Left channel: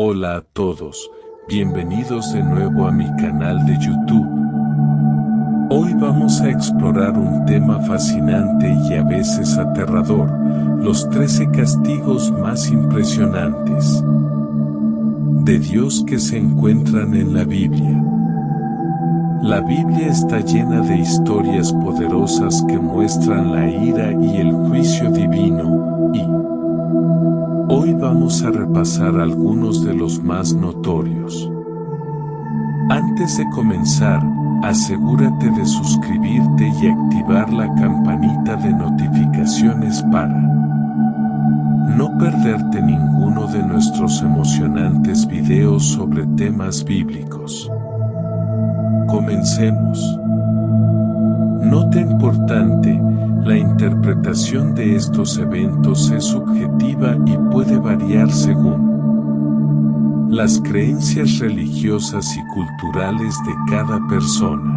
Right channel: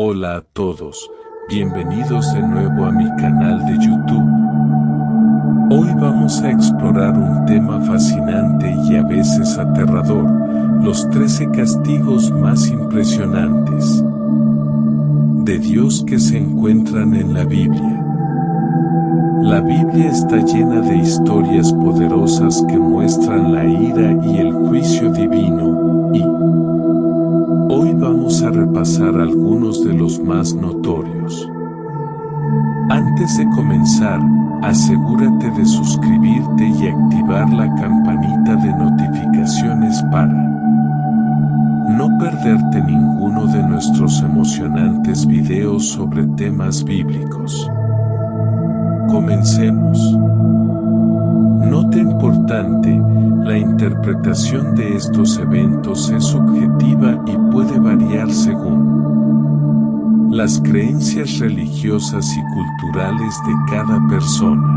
Hola a todos, bienvenidos de nuevo a mi canal de YouTube. Hoy vamos a explorar un tema fascinante y a veces aterrador, los 13 castigos más impresionantes de Dios que se encuentran en la Biblia. La Biblia está llena de historias poderosas que muestran la ira y el juicio divino, y hoy vamos a repasar algunos de los más notorios. Antes de comenzar, asegúrate de suscribirte y activar la campanita de notificaciones para no perderte ninguno de nuestros emocionantes videos sobre temas bíblicos. Comencemos. Nota importante: la interpretación de estos eventos es subjetiva y puede variar según las creencias religiosas y culturales de cada persona.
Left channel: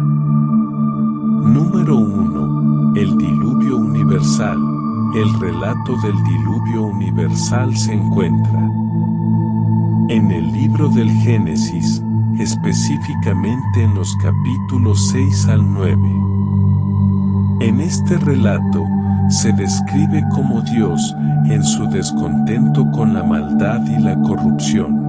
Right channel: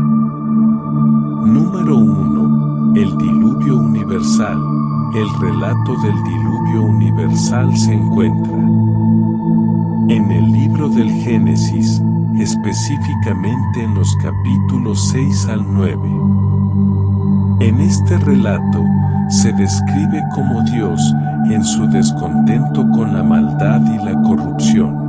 Número 1. El diluvio universal. El relato del diluvio universal se encuentra en el libro del Génesis, específicamente en los capítulos 6 al 9. En este relato, se describe cómo Dios, en su descontento con la maldad y la corrupción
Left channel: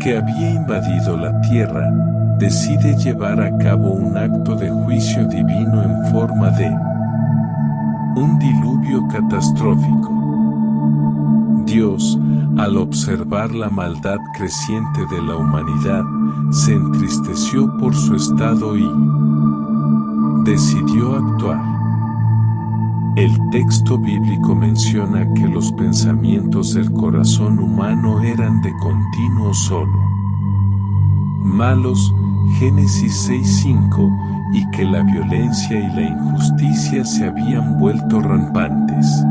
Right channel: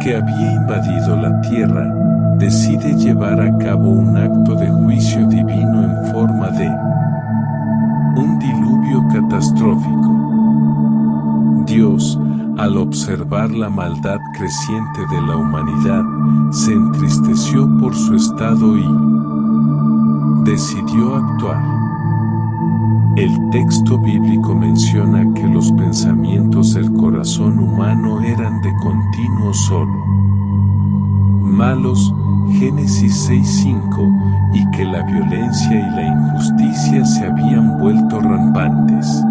que había invadido la tierra, decide llevar a cabo un acto de juicio divino en forma de un diluvio catastrófico. Dios, al observar la maldad creciente de la humanidad, se entristeció por su estado y decidió actuar. El texto bíblico menciona que los pensamientos del corazón humano eran de continuo solo malos, Génesis 6:5, y que la violencia y la injusticia se habían vuelto rampantes.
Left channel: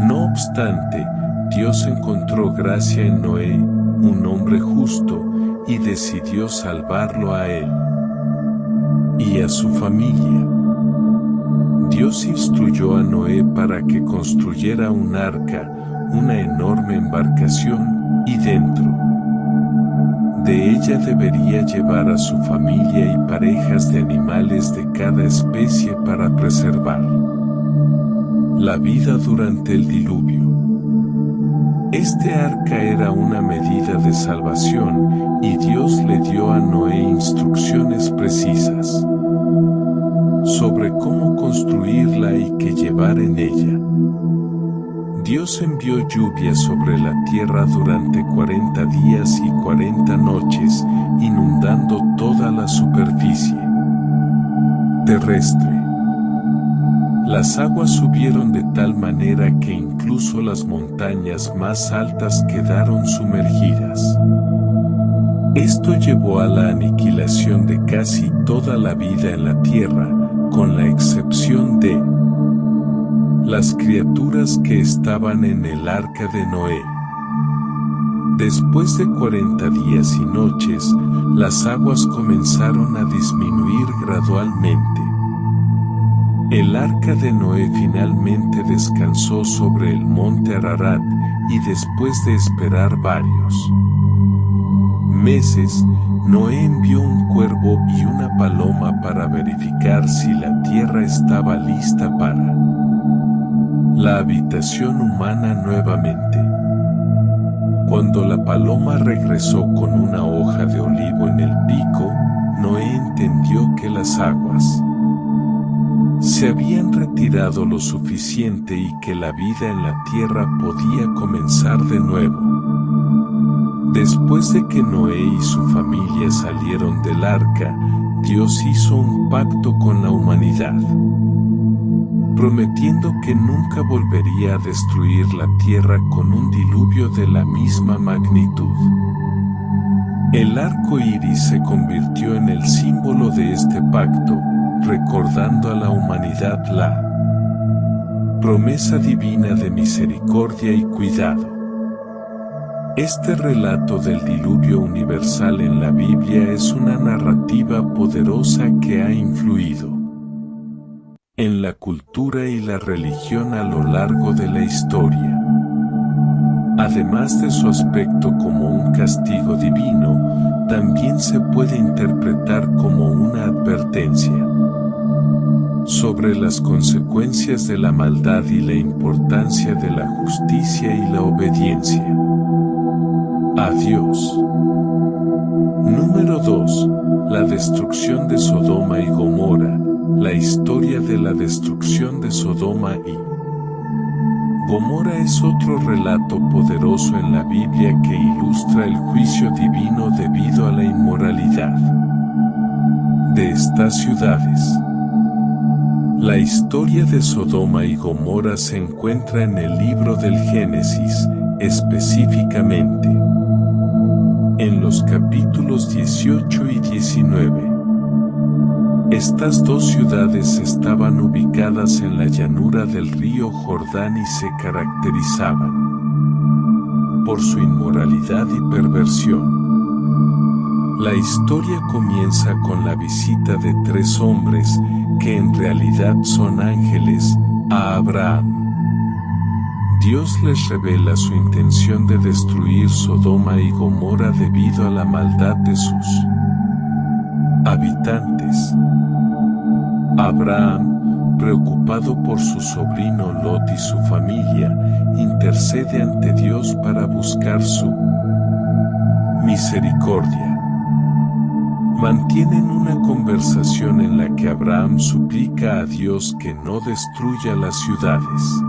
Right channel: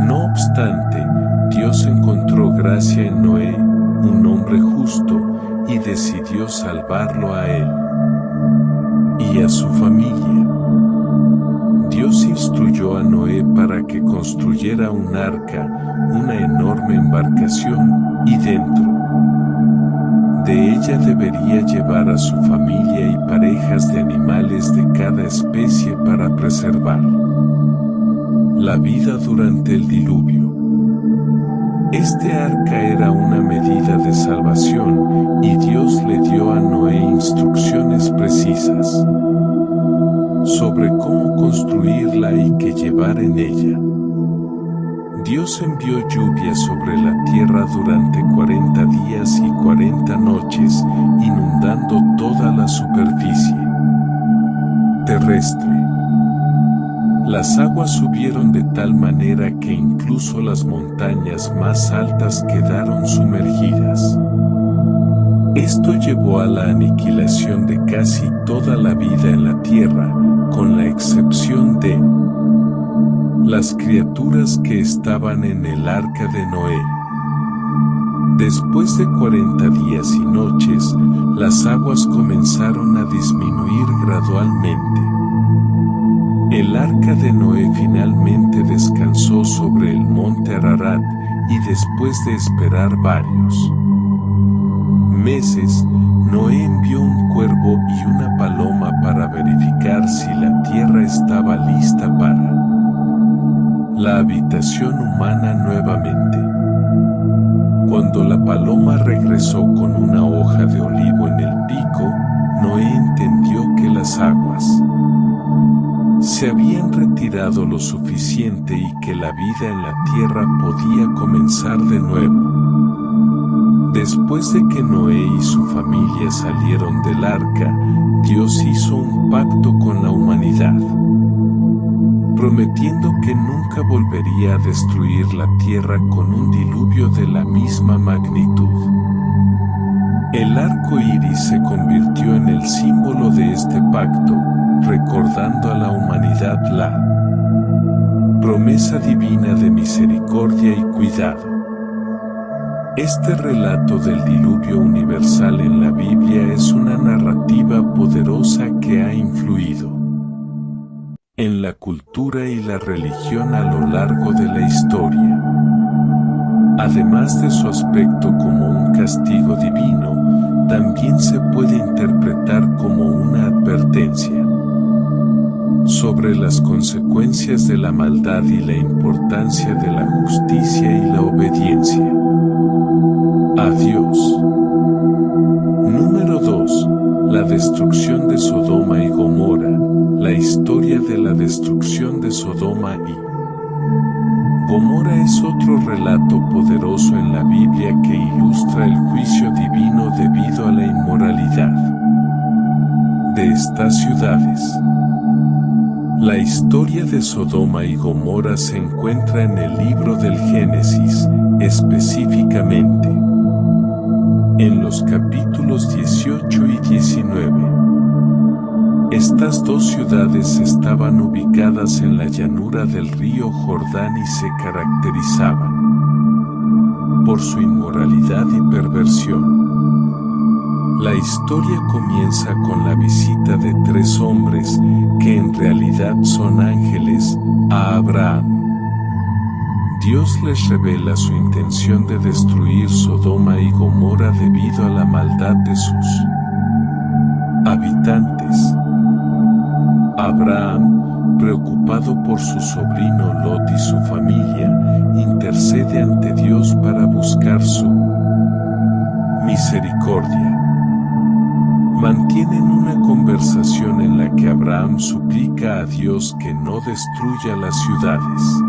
No obstante, Dios encontró gracia en Noé, un hombre justo, y decidió salvarlo a él y a su familia. Dios instruyó a Noé para que construyera un arca, una enorme embarcación, y dentro de ella debería llevar a su familia y parejas de animales de cada especie para preservar la vida durante el diluvio. Este arca era una medida de salvación, y Dios le dio a Noé instrucciones precisas sobre cómo construirla y qué llevar en ella. Dios envió lluvia sobre la tierra durante 40 días y 40 noches, inundando toda la superficie terrestre. Las aguas subieron de tal manera que incluso las montañas más altas quedaron sumergidas. Esto llevó a la aniquilación de casi toda la vida en la tierra, con la excepción de las criaturas que estaban en el arca de Noé. Después de 40 días y noches, las aguas comenzaron a disminuir gradualmente. El arca de Noé finalmente descansó sobre el monte Ararat, y después de esperar varios meses, Noé envió un cuervo y una paloma para verificar si la tierra estaba lista para la habitación humana nuevamente. Cuando la paloma regresó con una hoja de olivo en el pico, Noé entendió que las aguas se habían retirado lo suficiente y que la vida en la tierra podía comenzar de nuevo. Después de que Noé y su familia salieron del arca, Dios hizo un pacto con la humanidad, prometiendo que nunca volvería a destruir la tierra con un diluvio de la misma magnitud. El arco iris se convirtió en el símbolo de este pacto, recordando a la humanidad la promesa divina de misericordia y cuidado. Este relato del diluvio universal en la Biblia es una narrativa poderosa que ha influido en la cultura y la religión a lo largo de la historia. Además de su aspecto como un castigo divino, también se puede interpretar como una advertencia sobre las consecuencias de la maldad y la importancia de la justicia y la obediencia a Dios. Número 2. La destrucción de Sodoma y Gomorra. La historia de la destrucción de Sodoma y Gomorra es otro relato poderoso en la Biblia que ilustra el juicio divino debido a la inmoralidad de estas ciudades. La historia de Sodoma y Gomorra se encuentra en el libro del Génesis, específicamente en los capítulos 18 y 19. Estas dos ciudades estaban ubicadas en la llanura del río Jordán y se caracterizaban por su inmoralidad y perversión. La historia comienza con la visita de tres hombres, que en realidad son ángeles, a Abraham. Dios les revela su intención de destruir Sodoma y Gomorra debido a la maldad de sus habitantes. Abraham, preocupado por su sobrino Lot y su familia, intercede ante Dios para buscar su misericordia. Mantienen una conversación en la que Abraham suplica a Dios que no destruya las ciudades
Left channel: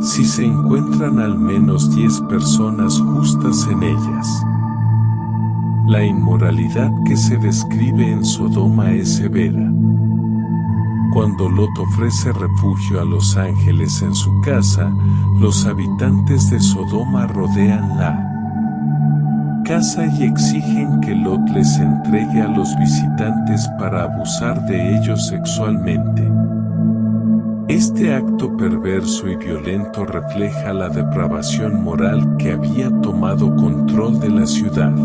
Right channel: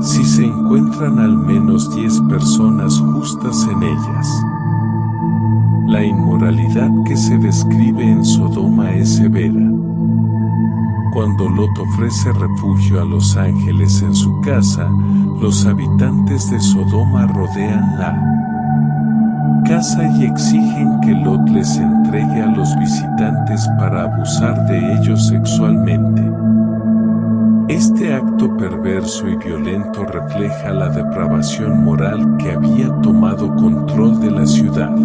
si se encuentran al menos 10 personas justas en ellas. La inmoralidad que se describe en Sodoma es severa. Cuando Lot ofrece refugio a los ángeles en su casa, los habitantes de Sodoma rodean la casa y exigen que Lot les entregue a los visitantes para abusar de ellos sexualmente. Este acto perverso y violento refleja la depravación moral que había tomado control de la ciudad.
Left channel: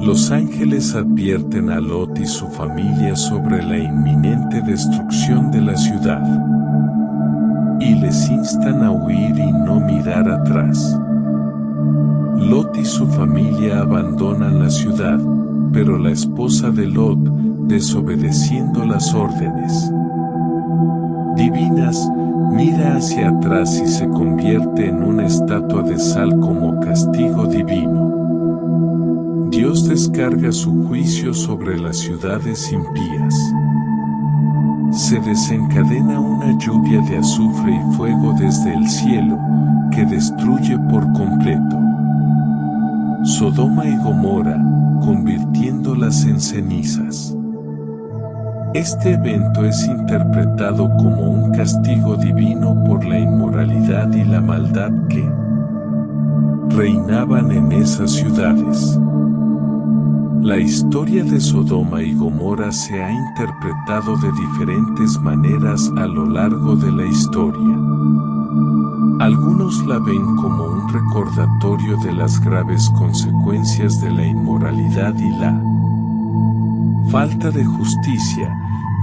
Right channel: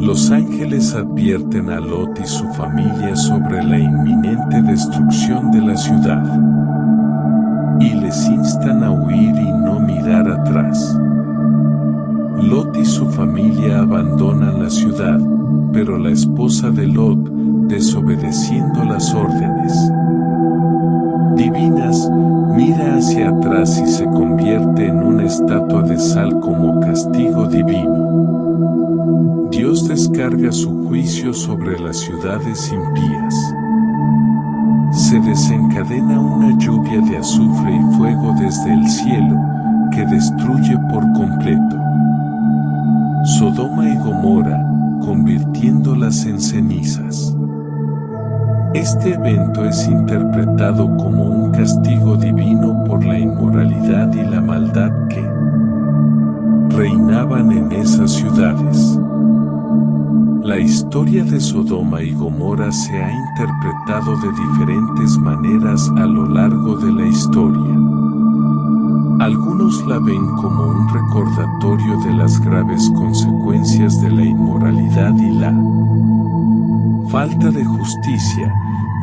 Los ángeles advierten a Lot y su familia sobre la inminente destrucción de la ciudad y les instan a huir y no mirar atrás. Lot y su familia abandonan la ciudad, pero la esposa de Lot, desobedeciendo las órdenes divinas, mira hacia atrás y se convierte en una estatua de sal como castigo divino. Dios descarga su juicio sobre las ciudades impías. Se desencadena una lluvia de azufre y fuego desde el cielo, que destruye por completo Sodoma y Gomorra, convirtiéndolas en cenizas. Este evento es interpretado como un castigo divino por la inmoralidad y la maldad que reinaban en esas ciudades. La historia de Sodoma y Gomorra se ha interpretado de diferentes maneras a lo largo de la historia. Algunos la ven como un recordatorio de las graves consecuencias de la inmoralidad y la falta de justicia,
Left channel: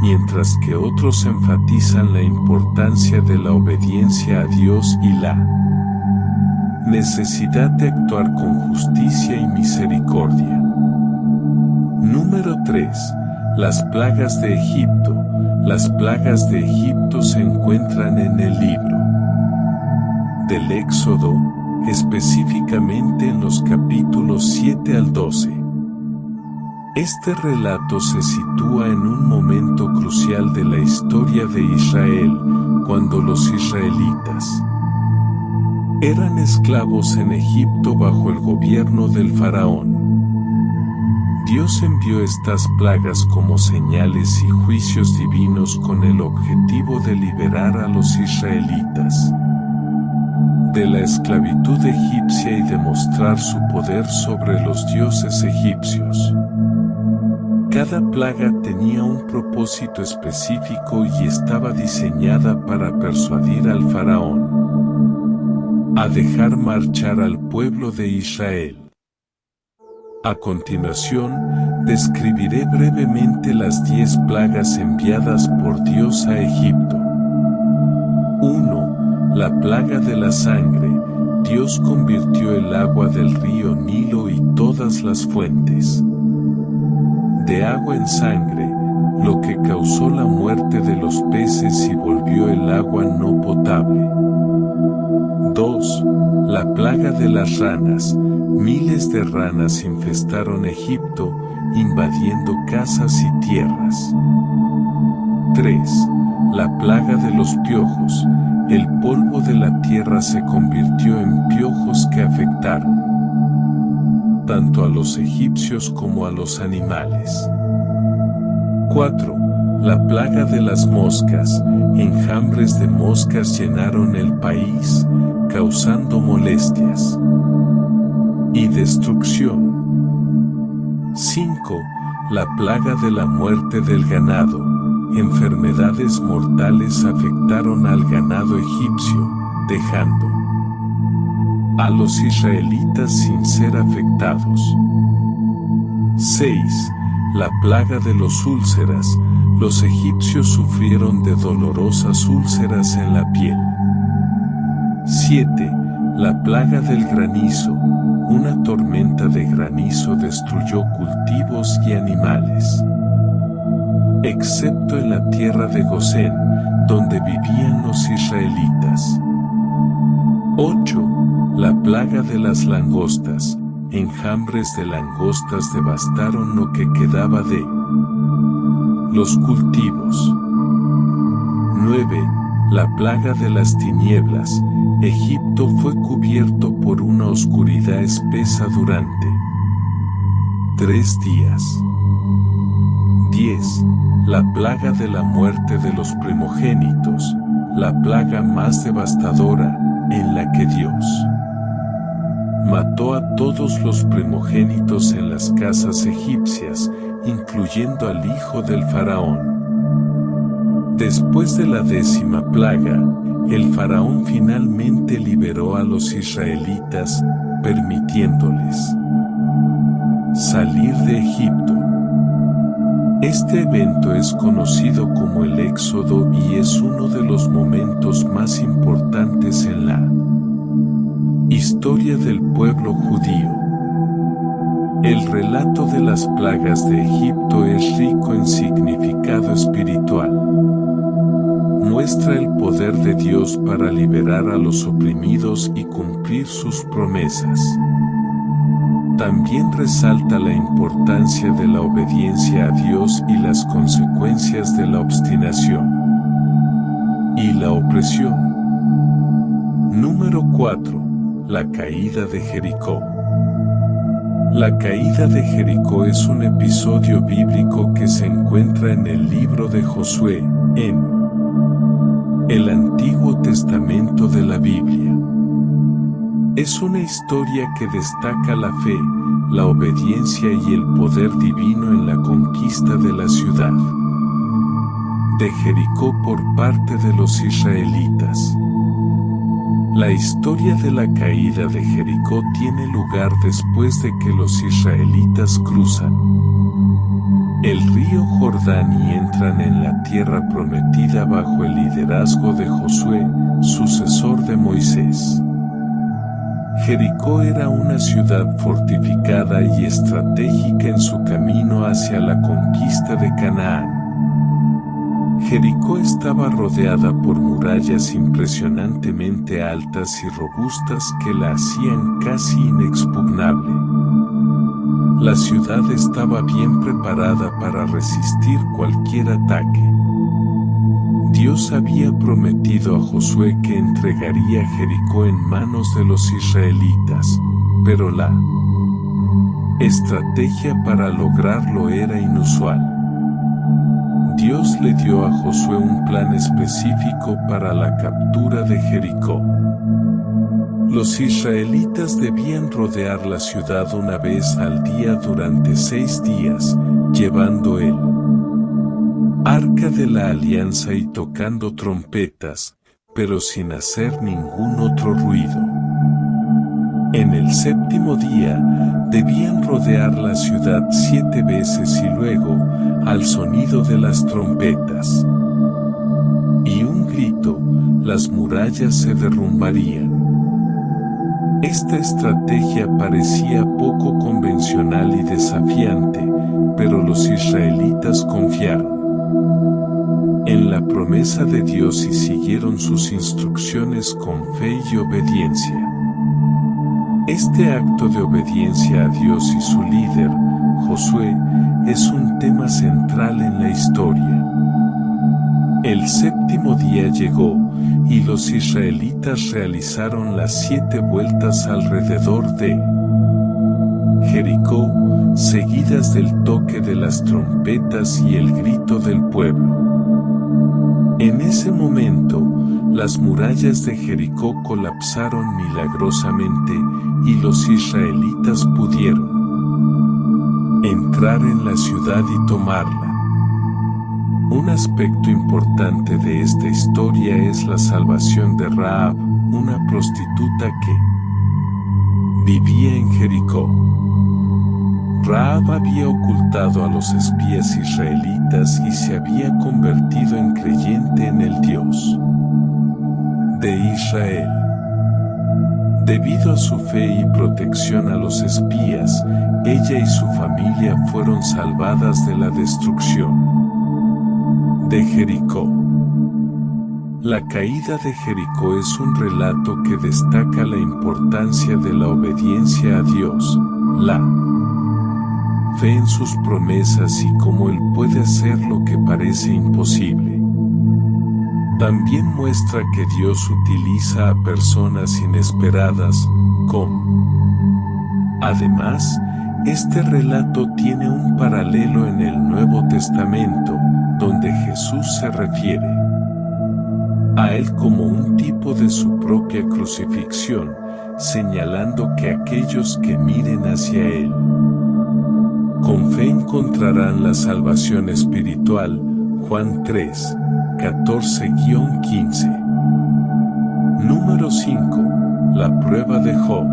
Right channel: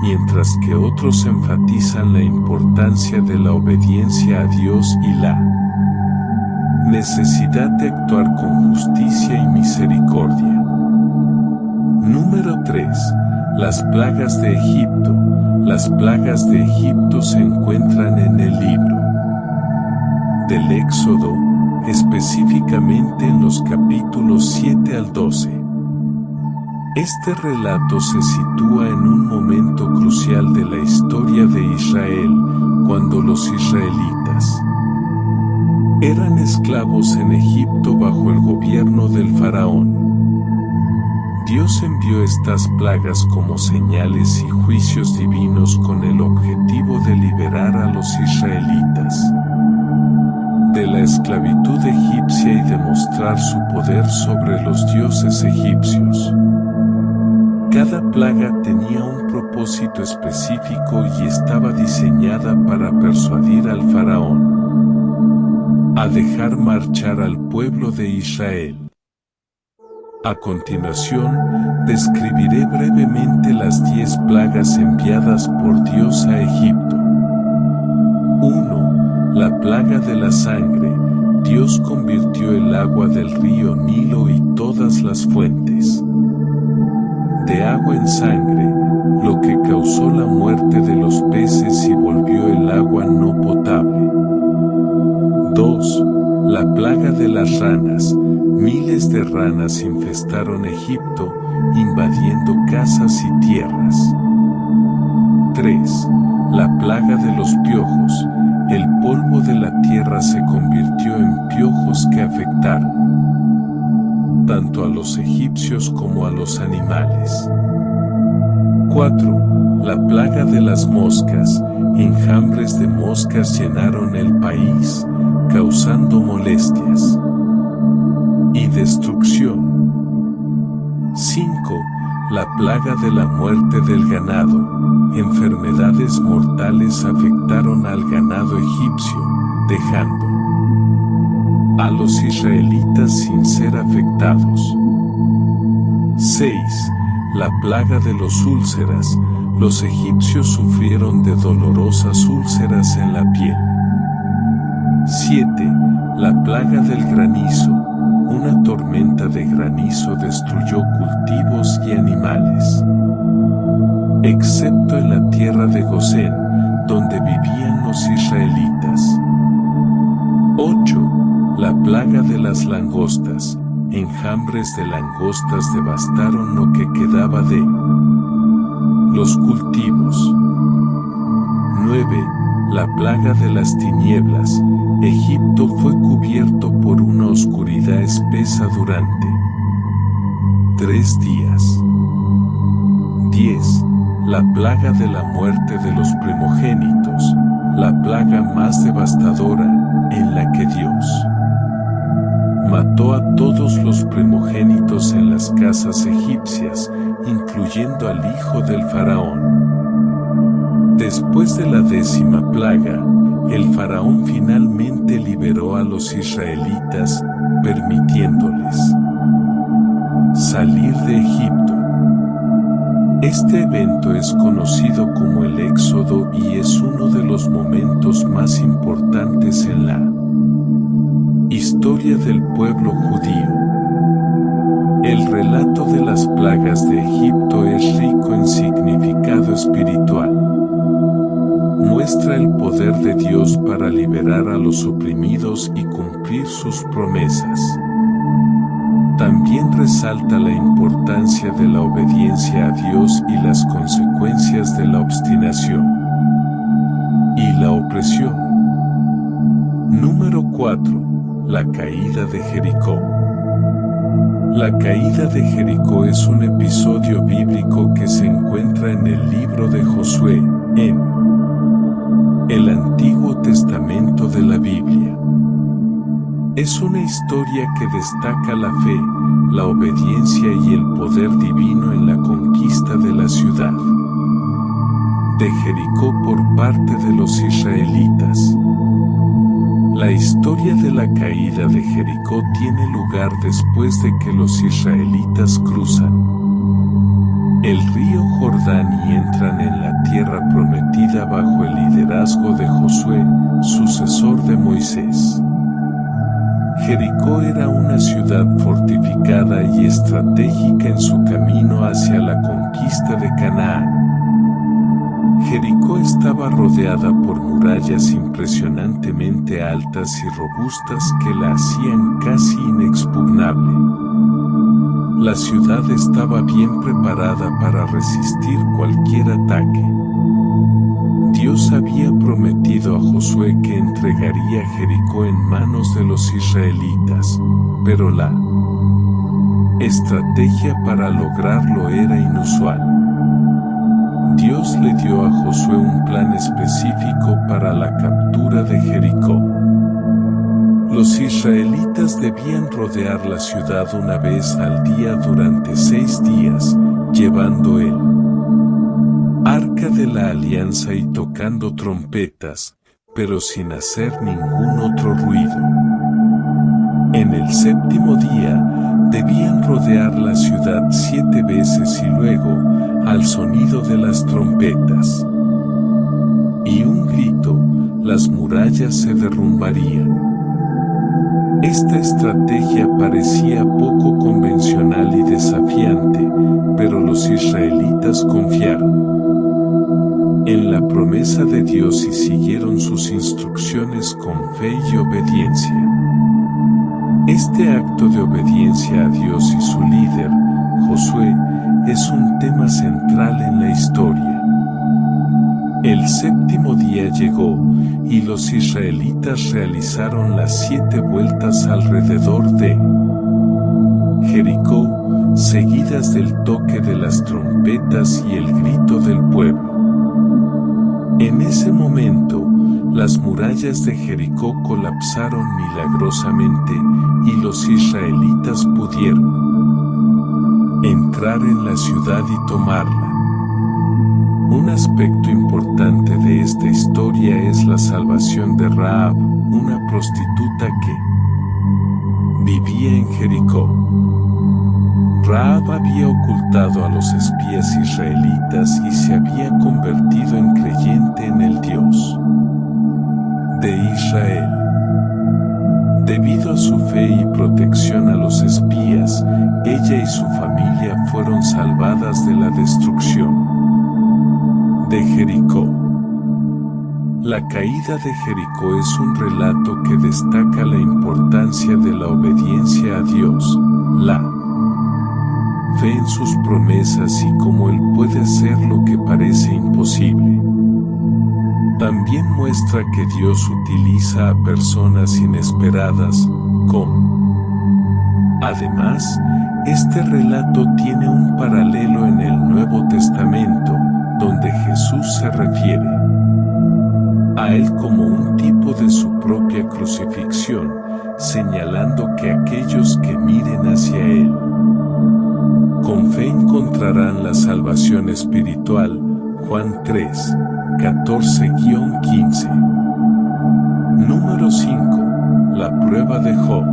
mientras que otros enfatizan la importancia de la obediencia a Dios y la necesidad de actuar con justicia y misericordia. Número 3. Las plagas de Egipto. Las plagas de Egipto se encuentran en el libro del Éxodo, específicamente en los capítulos 7 al 12. Este relato se sitúa en un momento crucial de la historia de Israel, cuando los israelitas eran esclavos en Egipto bajo el gobierno del faraón. Dios envió estas plagas como señales y juicios divinos con el objetivo de liberar a los israelitas de la esclavitud egipcia y demostrar su poder sobre los dioses egipcios. Cada plaga tenía un propósito específico y estaba diseñada para persuadir al faraón a dejar marchar al pueblo de Israel. A continuación, describiré brevemente las 10 plagas enviadas por Dios a Egipto. 1. La plaga de la sangre. Dios convirtió el agua del río Nilo y todas las fuentes de agua en sangre, lo que causó la muerte de los peces y volvió el agua no potable. 2. La plaga de las ranas. Miles de ranas infestaron Egipto, invadiendo casas y tierras. 3. La plaga de los piojos. El polvo de la tierra se convirtió en piojos que afectaron tanto a los egipcios como a los animales. 4. La plaga de las moscas. Enjambres de moscas llenaron el país, causando molestias y destrucción. 5. La plaga de la muerte del ganado. Enfermedades mortales afectaron al ganado egipcio, dejando a los israelitas sin ser afectados. 6. La plaga de los úlceras. Los egipcios sufrieron de dolorosas úlceras en la piel. 7. La plaga del granizo. Una tormenta de granizo destruyó cultivos y animales, excepto en la tierra de Gosén, donde vivían los israelitas. 8. La plaga de las langostas. Enjambres de langostas devastaron lo que quedaba de los cultivos. 9. La plaga de las tinieblas. Egipto fue cubierto por una oscuridad espesa durante 3 días. 10. La plaga de la muerte de los primogénitos. La plaga más devastadora, en la que Dios mató a todos los primogénitos en las casas egipcias, incluyendo al hijo del faraón. Después de la 10ª plaga, el faraón finalmente liberó a los israelitas, permitiéndoles salir de Egipto. Este evento es conocido como el Éxodo y es uno de los momentos más importantes en la historia del pueblo judío. El relato de las plagas de Egipto es rico en significado espiritual. Muestra el poder de Dios para liberar a los oprimidos y cumplir sus promesas. También resalta la importancia de la obediencia a Dios y las consecuencias de la obstinación y la opresión. Número 4. La caída de Jericó. La caída de Jericó es un episodio bíblico que se encuentra en el libro de Josué, en el Antiguo Testamento de la Biblia. Es una historia que destaca la fe, la obediencia y el poder divino en la conquista de la ciudad de Jericó por parte de los israelitas. La historia de la caída de Jericó tiene lugar después de que los israelitas cruzan el río Jordán y entran en la tierra prometida bajo el liderazgo de Josué, sucesor de Moisés. Jericó era una ciudad fortificada y estratégica en su camino hacia la conquista de Canaán. Jericó estaba rodeada por murallas impresionantemente altas y robustas que la hacían casi inexpugnable. La ciudad estaba bien preparada para resistir cualquier ataque. Dios había prometido a Josué que entregaría Jericó en manos de los israelitas, pero la estrategia para lograrlo era inusual. Dios le dio a Josué un plan específico para la captura de Jericó. Los israelitas debían rodear la ciudad una vez al día durante 6 días, llevando el Arca de la Alianza y tocando trompetas, pero sin hacer ningún otro ruido. En el 7º día, debían rodear la ciudad 7 veces y luego, al sonido de las trompetas y un grito, las murallas se derrumbarían. Esta estrategia parecía poco convencional y desafiante, pero los israelitas confiaron en la promesa de Dios y siguieron sus instrucciones con fe y obediencia. Este acto de obediencia a Dios y su líder, Josué, es un tema central en la historia. El séptimo día llegó, y los israelitas realizaron las 7 vueltas alrededor de Jericó, seguidas del toque de las trompetas y el grito del pueblo. En ese momento, las murallas de Jericó colapsaron milagrosamente, y los israelitas pudieron entrar en la ciudad y tomarla. Un aspecto importante de esta historia es la salvación de Rahab, una prostituta que vivía en Jericó. Rahab había ocultado a los espías israelitas y se había convertido en creyente en el Dios de Israel. Debido a su fe y protección a los espías, ella y su familia fueron salvadas de la destrucción de Jericó. La caída de Jericó es un relato que destaca la importancia de la obediencia a Dios, la fe en sus promesas y cómo Él puede hacer lo que parece imposible. También muestra que Dios utiliza a personas inesperadas, Además, este relato tiene un paralelo en el Nuevo Testamento, donde Jesús se refiere a Él como un tipo de su propia crucifixión, señalando que aquellos que miren hacia Él con fe encontrarán la salvación espiritual. Juan 3, 14-15. Número 5. La prueba de Job.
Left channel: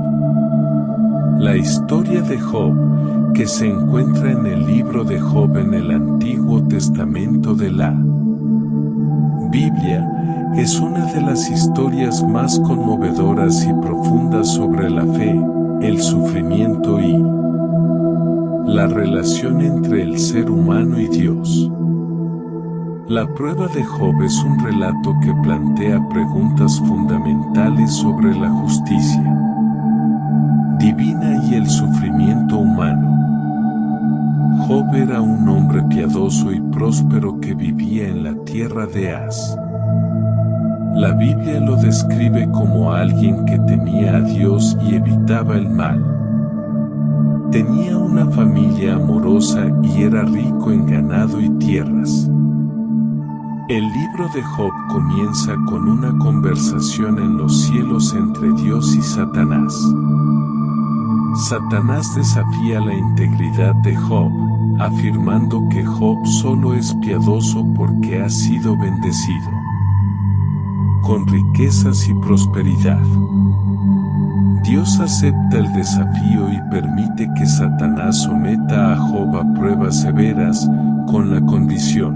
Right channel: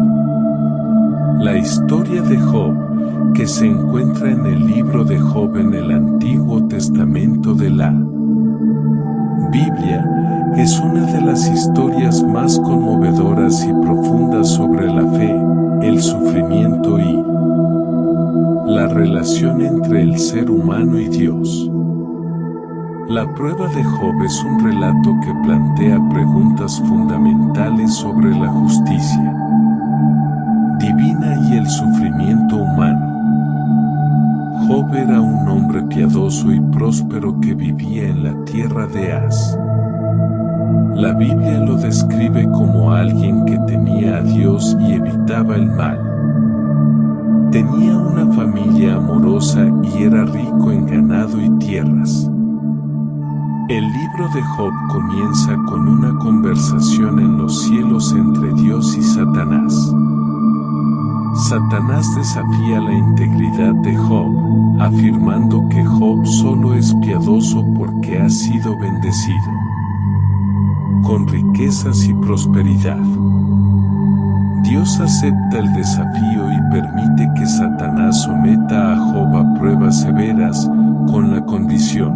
La historia de Job, que se encuentra en el libro de Job en el Antiguo Testamento de la Biblia, es una de las historias más conmovedoras y profundas sobre la fe, el sufrimiento y la relación entre el ser humano y Dios. La prueba de Job es un relato que plantea preguntas fundamentales sobre la justicia divina y el sufrimiento humano. Job era un hombre piadoso y próspero que vivía en la tierra de Az. La Biblia lo describe como alguien que temía a Dios y evitaba el mal. Tenía una familia amorosa y era rico en ganado y tierras. El libro de Job comienza con una conversación en los cielos entre Dios y Satanás. Satanás desafía la integridad de Job, afirmando que Job solo es piadoso porque ha sido bendecido con riquezas y prosperidad. Dios acepta el desafío y permite que Satanás someta a Job a pruebas severas, con la condición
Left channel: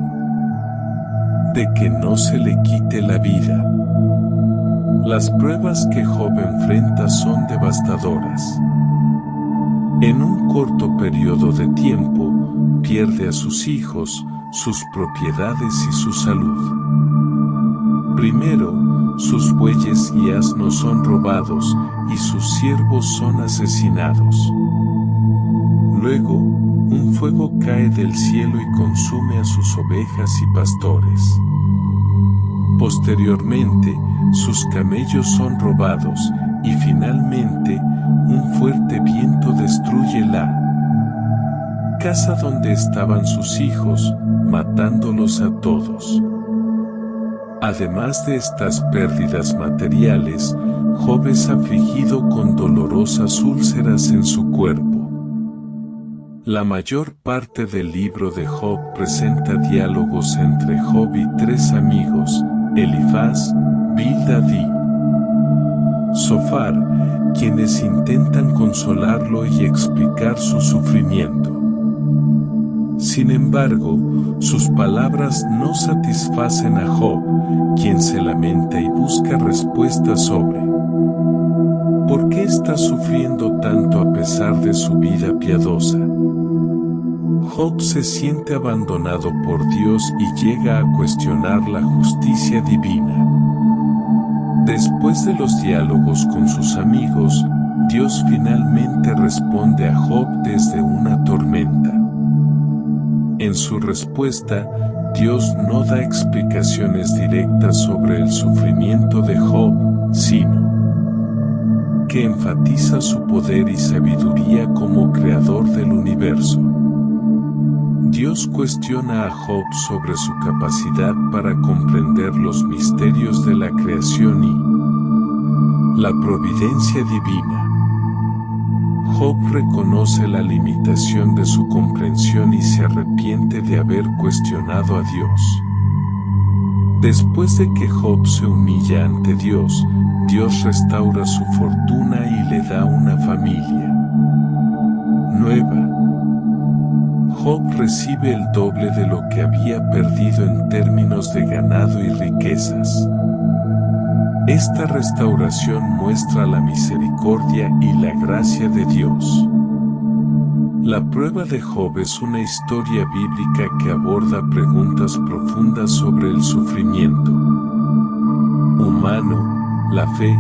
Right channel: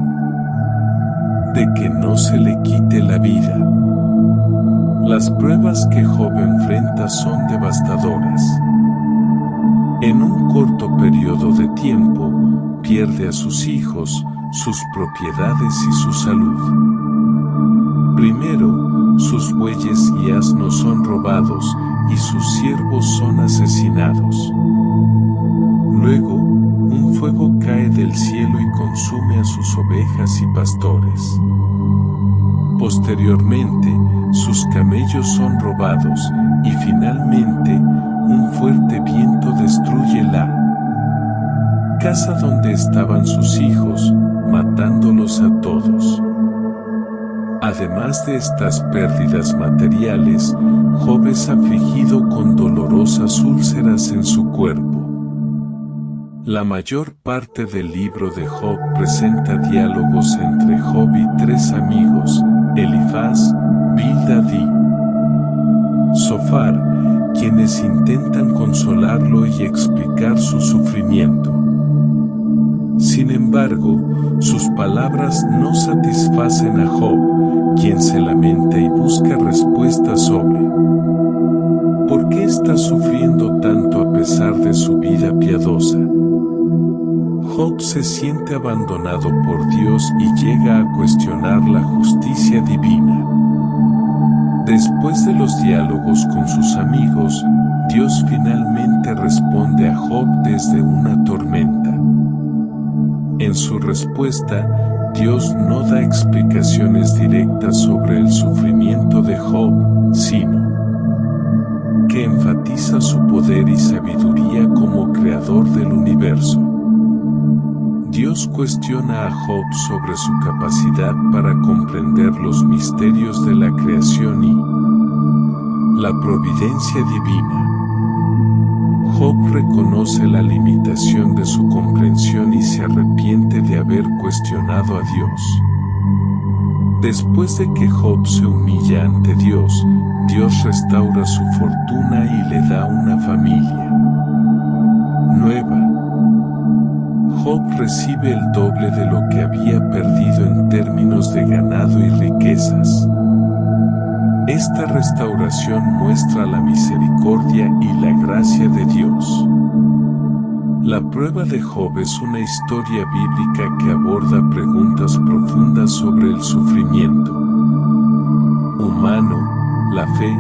de que no se le quite la vida. Las pruebas que Job enfrenta son devastadoras. En un corto periodo de tiempo, pierde a sus hijos, sus propiedades y su salud. Primero, sus bueyes y asnos son robados, y sus siervos son asesinados. Luego, un fuego cae del cielo y consume a sus ovejas y pastores. Posteriormente, sus camellos son robados, y finalmente, un fuerte viento destruye la casa donde estaban sus hijos, matándolos a todos. Además de estas pérdidas materiales, Job es afligido con dolorosas úlceras en su cuerpo. La mayor parte del libro de Job presenta diálogos entre Job y 3 amigos, Elifaz, Bildad y Zofar, quienes intentan consolarlo y explicar su sufrimiento. Sin embargo, sus palabras no satisfacen a Job, quien se lamenta y busca respuestas sobre ¿por qué qué está sufriendo tanto a pesar de su vida piadosa? Job se siente abandonado por Dios y llega a cuestionar la justicia divina. Después de los diálogos con sus amigos, Dios finalmente responde a Job desde una tormenta. En su respuesta, Dios no da explicaciones directas sobre el sufrimiento de Job, sino que enfatiza su poder y sabiduría como creador del universo. Dios cuestiona a Job sobre su capacidad para comprender los misterios de la creación y la providencia divina. Job reconoce la limitación de su comprensión y se arrepiente de haber cuestionado a Dios. Después de que Job se humilla ante Dios, Dios restaura su fortuna y le da una familia nueva. Job recibe el doble de lo que había perdido en términos de ganado y riquezas. Esta restauración muestra la misericordia y la gracia de Dios. La prueba de Job es una historia bíblica que aborda preguntas profundas sobre el sufrimiento humano, la fe,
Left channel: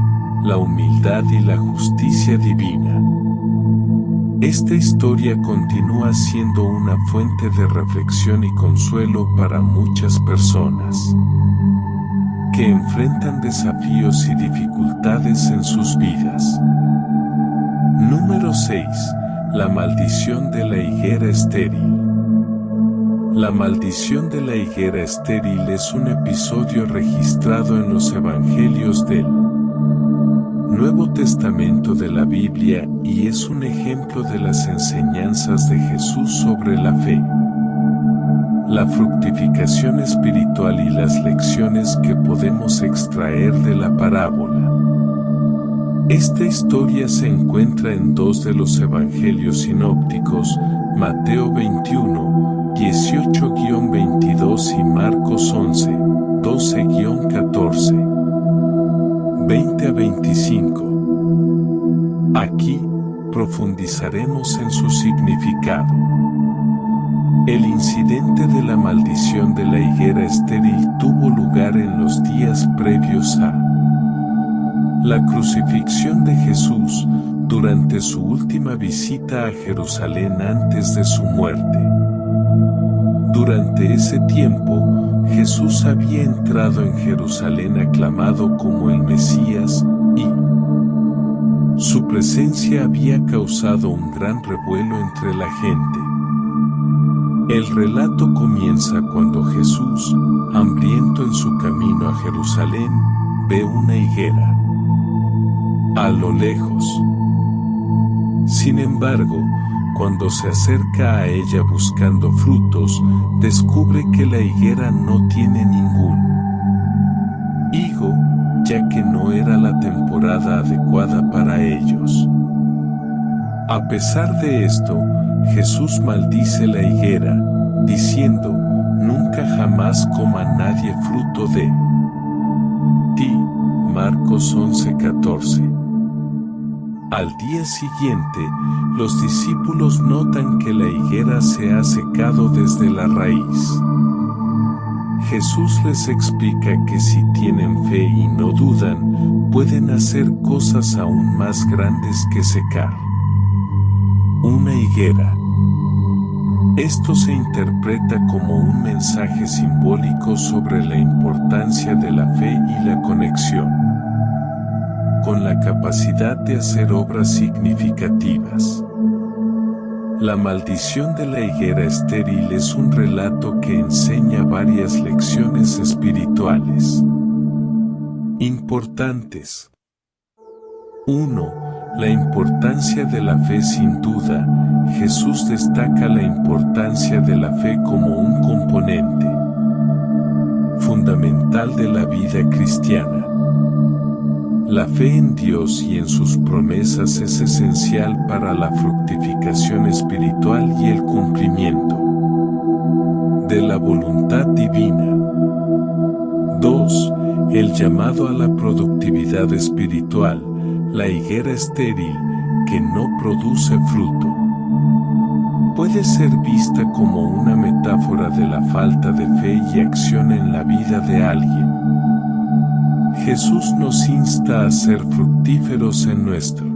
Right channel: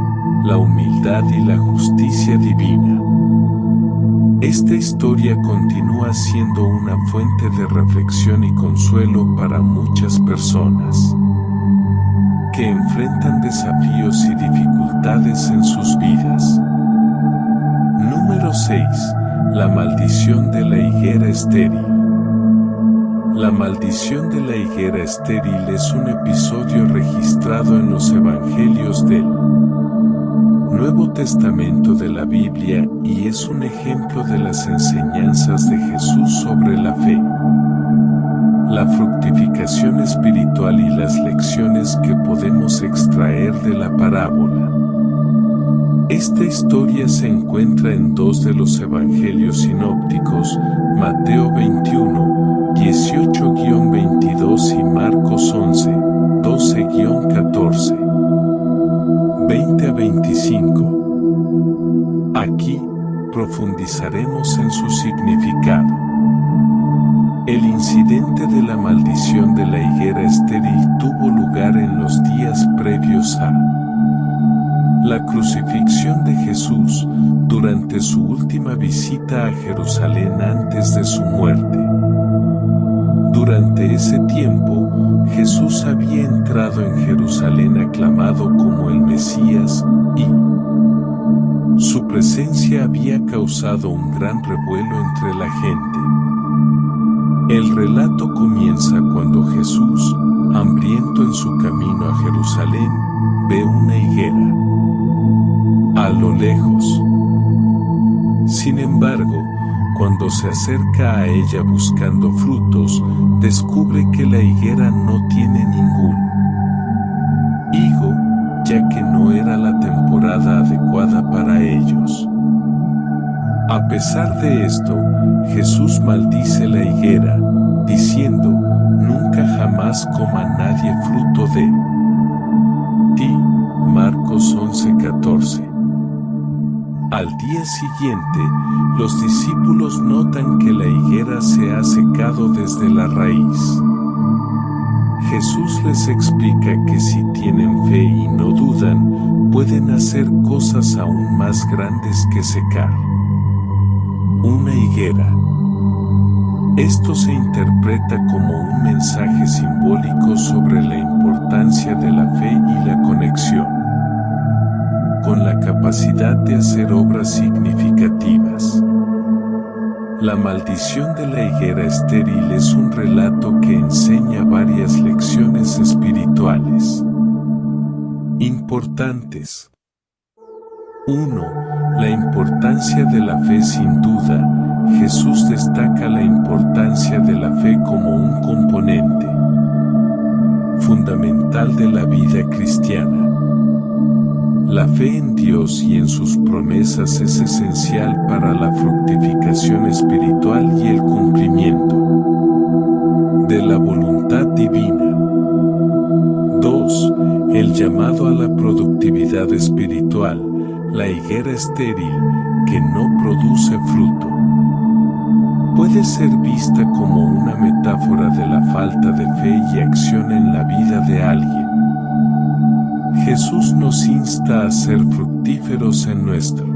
la humildad y la justicia divina. Esta historia continúa siendo una fuente de reflexión y consuelo para muchas personas que enfrentan desafíos y dificultades en sus vidas. Número 6. La maldición de la higuera estéril. La maldición de la higuera estéril es un episodio registrado en los Evangelios del Nuevo Testamento de la Biblia y es un ejemplo de las enseñanzas de Jesús sobre la fe, la fructificación espiritual y las lecciones que podemos extraer de la parábola. Esta historia se encuentra en dos de los Evangelios sinópticos, Mateo 21, 18-22 y Marcos 11, 12-14. 20-25. Aquí, profundizaremos en su significado. El incidente de la maldición de la higuera estéril tuvo lugar en los días previos a la crucifixión de Jesús, durante su última visita a Jerusalén antes de su muerte. Durante ese tiempo, Jesús había entrado en Jerusalén aclamado como el Mesías, y su presencia había causado un gran revuelo entre la gente. El relato comienza cuando Jesús, hambriento en su camino a Jerusalén, ve una higuera a lo lejos. Sin embargo, cuando se acerca a ella buscando frutos, descubre que la higuera no tiene ningún higo, ya que no era la temporada adecuada para ellos. A pesar de esto, Jesús maldice la higuera, diciendo: nunca jamás coma nadie fruto de ti. Marcos 11:14. Al día siguiente, los discípulos notan que la higuera se ha secado desde la raíz. Jesús les explica que si tienen fe y no dudan, pueden hacer cosas aún más grandes que secar una higuera. Esto se interpreta como un mensaje simbólico sobre la importancia de la fe y la conexión con la capacidad de hacer obras significativas. La maldición de la higuera estéril es un relato que enseña varias lecciones espirituales importantes. 1. La importancia de la fe. Sin duda, Jesús destaca la importancia de la fe como un componente fundamental de la vida cristiana. La fe en Dios y en sus promesas es esencial para la fructificación espiritual y el cumplimiento de la voluntad divina. 2. El llamado a la productividad espiritual. la higuera estéril, que no produce fruto. Puede ser vista como una metáfora de la falta de fe y acción en la vida de alguien. Jesús nos insta a ser fructíferos en nuestro.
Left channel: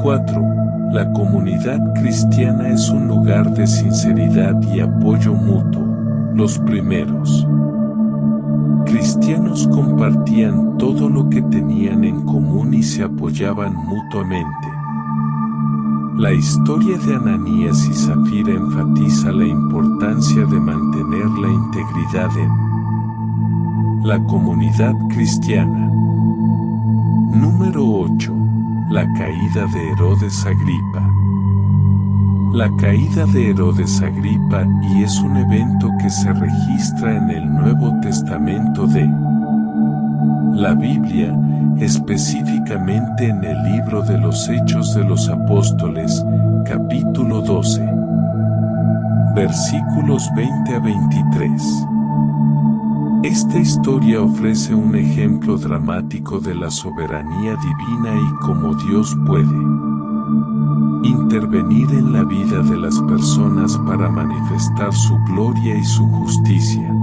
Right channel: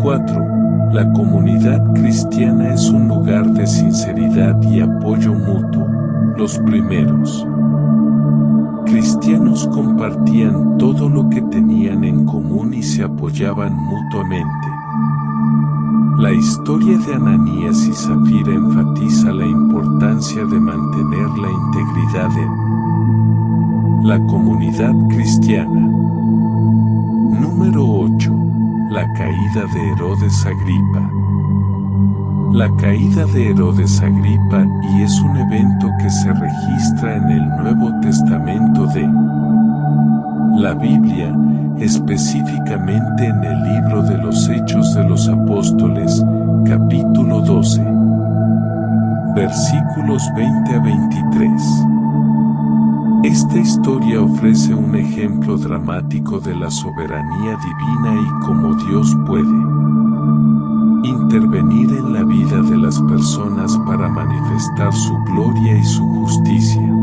4. La comunidad cristiana es un lugar de sinceridad y apoyo mutuo. Los primeros cristianos compartían todo lo que tenían en común y se apoyaban mutuamente. La historia de Ananías y Zafira enfatiza la importancia de mantener la integridad en la comunidad cristiana. Número 8. La caída de Herodes Agripa. La caída de Herodes Agripa y es un evento que se registra en el Nuevo Testamento de la Biblia, específicamente en el libro de los Hechos de los Apóstoles, capítulo 12, versículos 20 a 23. Esta historia ofrece un ejemplo dramático de la soberanía divina y cómo Dios puede intervenir en la vida de las personas para manifestar su gloria y su justicia.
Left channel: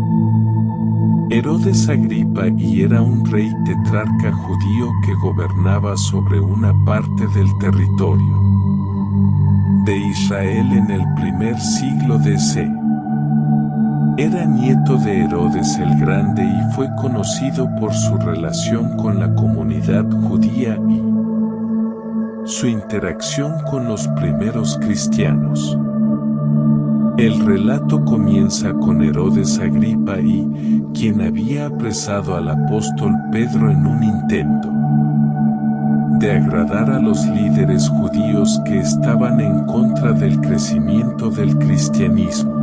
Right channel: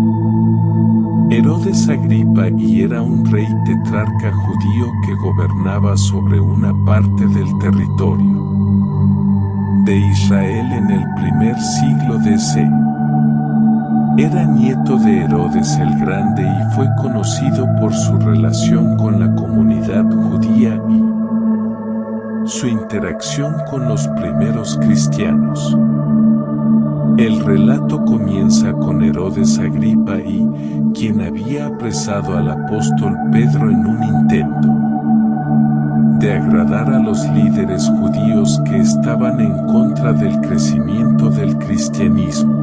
Herodes Agripa y era un rey tetrarca judío que gobernaba sobre una parte del territorio de Israel en el primer siglo d.C. Era nieto de Herodes el Grande y fue conocido por su relación con la comunidad judía y su interacción con los primeros cristianos. El relato comienza con Herodes Agripa y quien había apresado al apóstol Pedro en un intento de agradar a los líderes judíos que estaban en contra del crecimiento del cristianismo.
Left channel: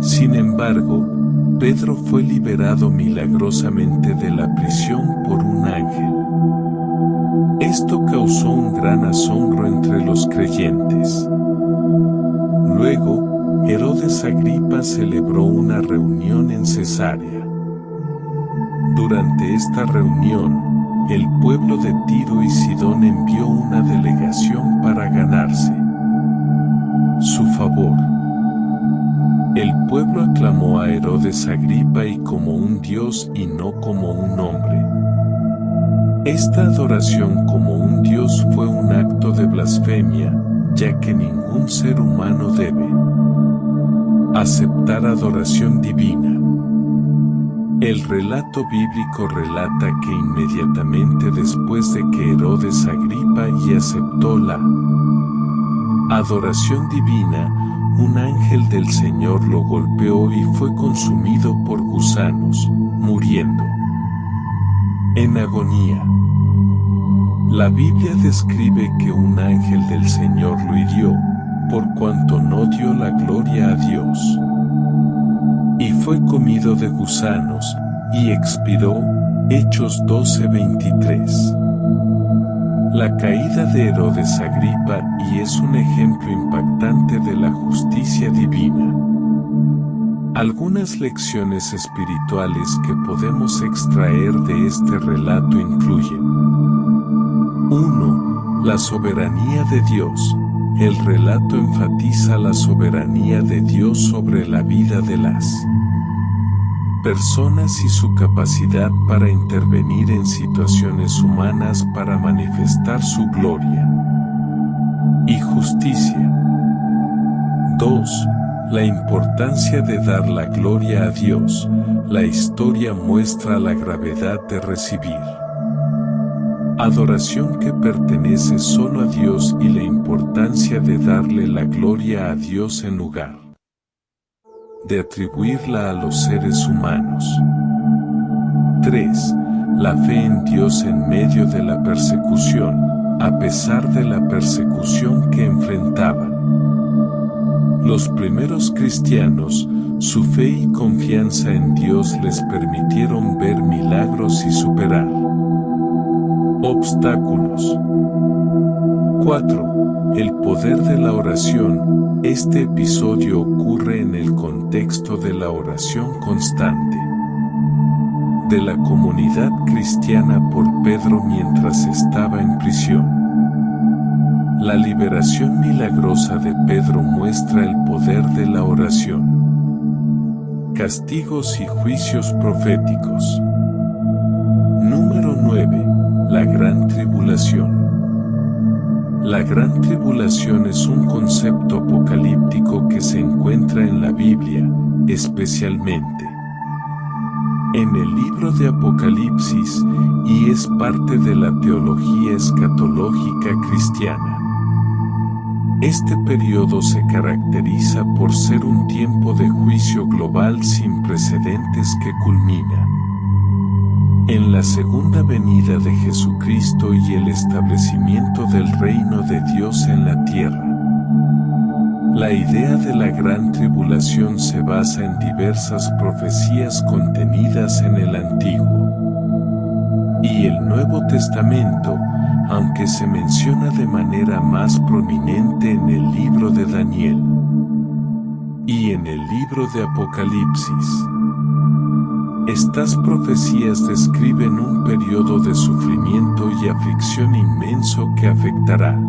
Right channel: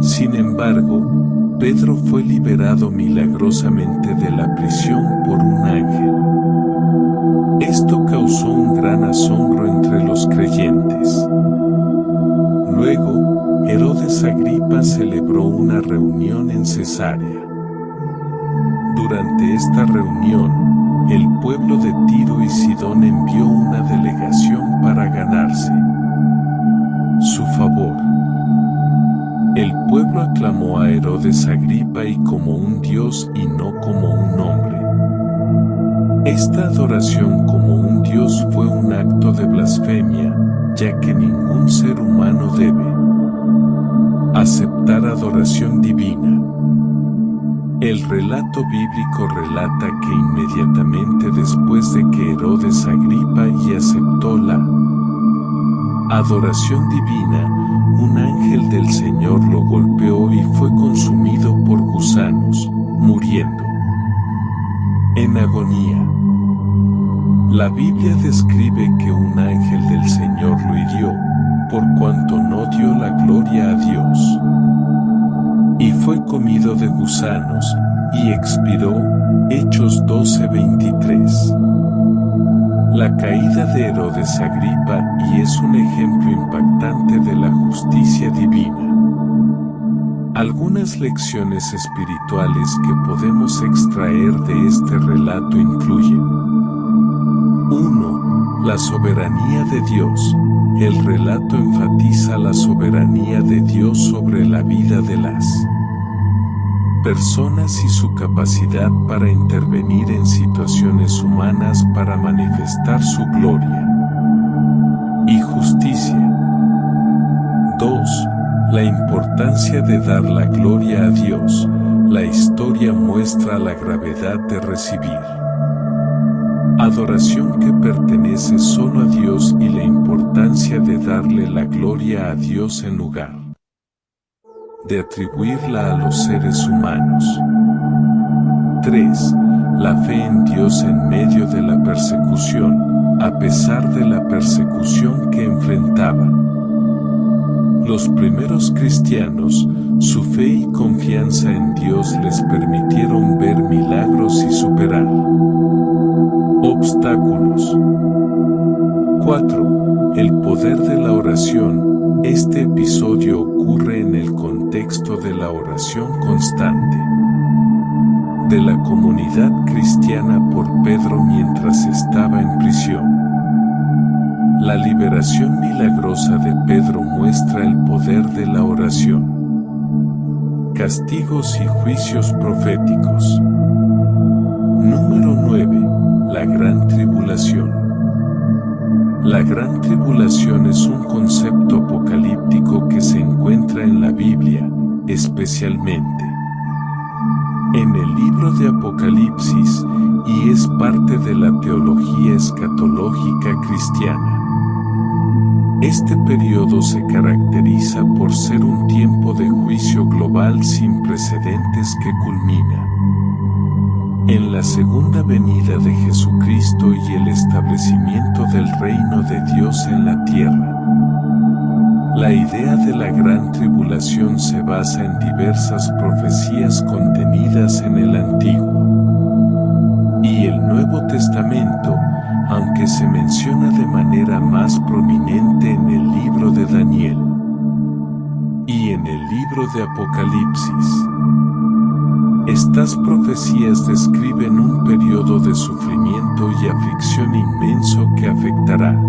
Sin embargo, Pedro fue liberado milagrosamente de la prisión por un ángel. Esto causó un gran asombro entre los creyentes. Luego, Herodes Agripa celebró una reunión en Cesarea. Durante esta reunión, el pueblo de Tiro y Sidón envió una delegación para ganarse su favor. El pueblo aclamó a Herodes Agripa y como un dios y no como un hombre. Esta adoración como un dios fue un acto de blasfemia, ya que ningún ser humano debe aceptar adoración divina. El relato bíblico relata que inmediatamente después de que Herodes Agripa y aceptó la adoración divina, un ángel del Señor lo golpeó y fue consumido por gusanos, muriendo en agonía. La Biblia describe que un ángel del Señor lo hirió, por cuanto no dio la gloria a Dios. Y fue comido de gusanos, y expiró. Hechos 12:23. La caída de Herodes Agripa y es un ejemplo impactante de la justicia divina. Algunas lecciones espirituales que podemos extraer de este relato incluyen: 1. La soberanía de Dios. El relato enfatiza la soberanía de Dios sobre la vida de las personas y su capacidad para intervenir en situaciones humanas para manifestar su gloria y justicia. 2. La importancia de dar la gloria a Dios. La historia muestra la gravedad de recibir adoración que pertenece solo a Dios y la importancia de darle la gloria a Dios en lugar de atribuirla a los seres humanos. 3. La fe en Dios en medio de la persecución, a pesar de la persecución que enfrentaban. Los primeros cristianos, su fe y confianza en Dios les permitieron ver milagros y superar obstáculos. 4. El poder de la oración. Este episodio ocurre en el contexto de la oración constante de la comunidad cristiana por Pedro mientras estaba en prisión. La liberación milagrosa de Pedro muestra el poder de la oración. Castigos y juicios proféticos. Número 9. La Gran Tribulación. La Gran Tribulación es un concepto apocalíptico que se encuentra en la Biblia, especialmente en el libro de Apocalipsis, y es parte de la teología escatológica cristiana. Este periodo se caracteriza por ser un tiempo de juicio global sin precedentes que culmina en la segunda venida de Jesucristo y el establecimiento del reino de Dios en la tierra. La idea de la Gran Tribulación se basa en diversas profecías contenidas en el Antiguo y el Nuevo Testamento, aunque se menciona de manera más prominente en el libro de Daniel y en el libro de Apocalipsis. Estas profecías describen un periodo de sufrimiento y aflicción inmenso que afectará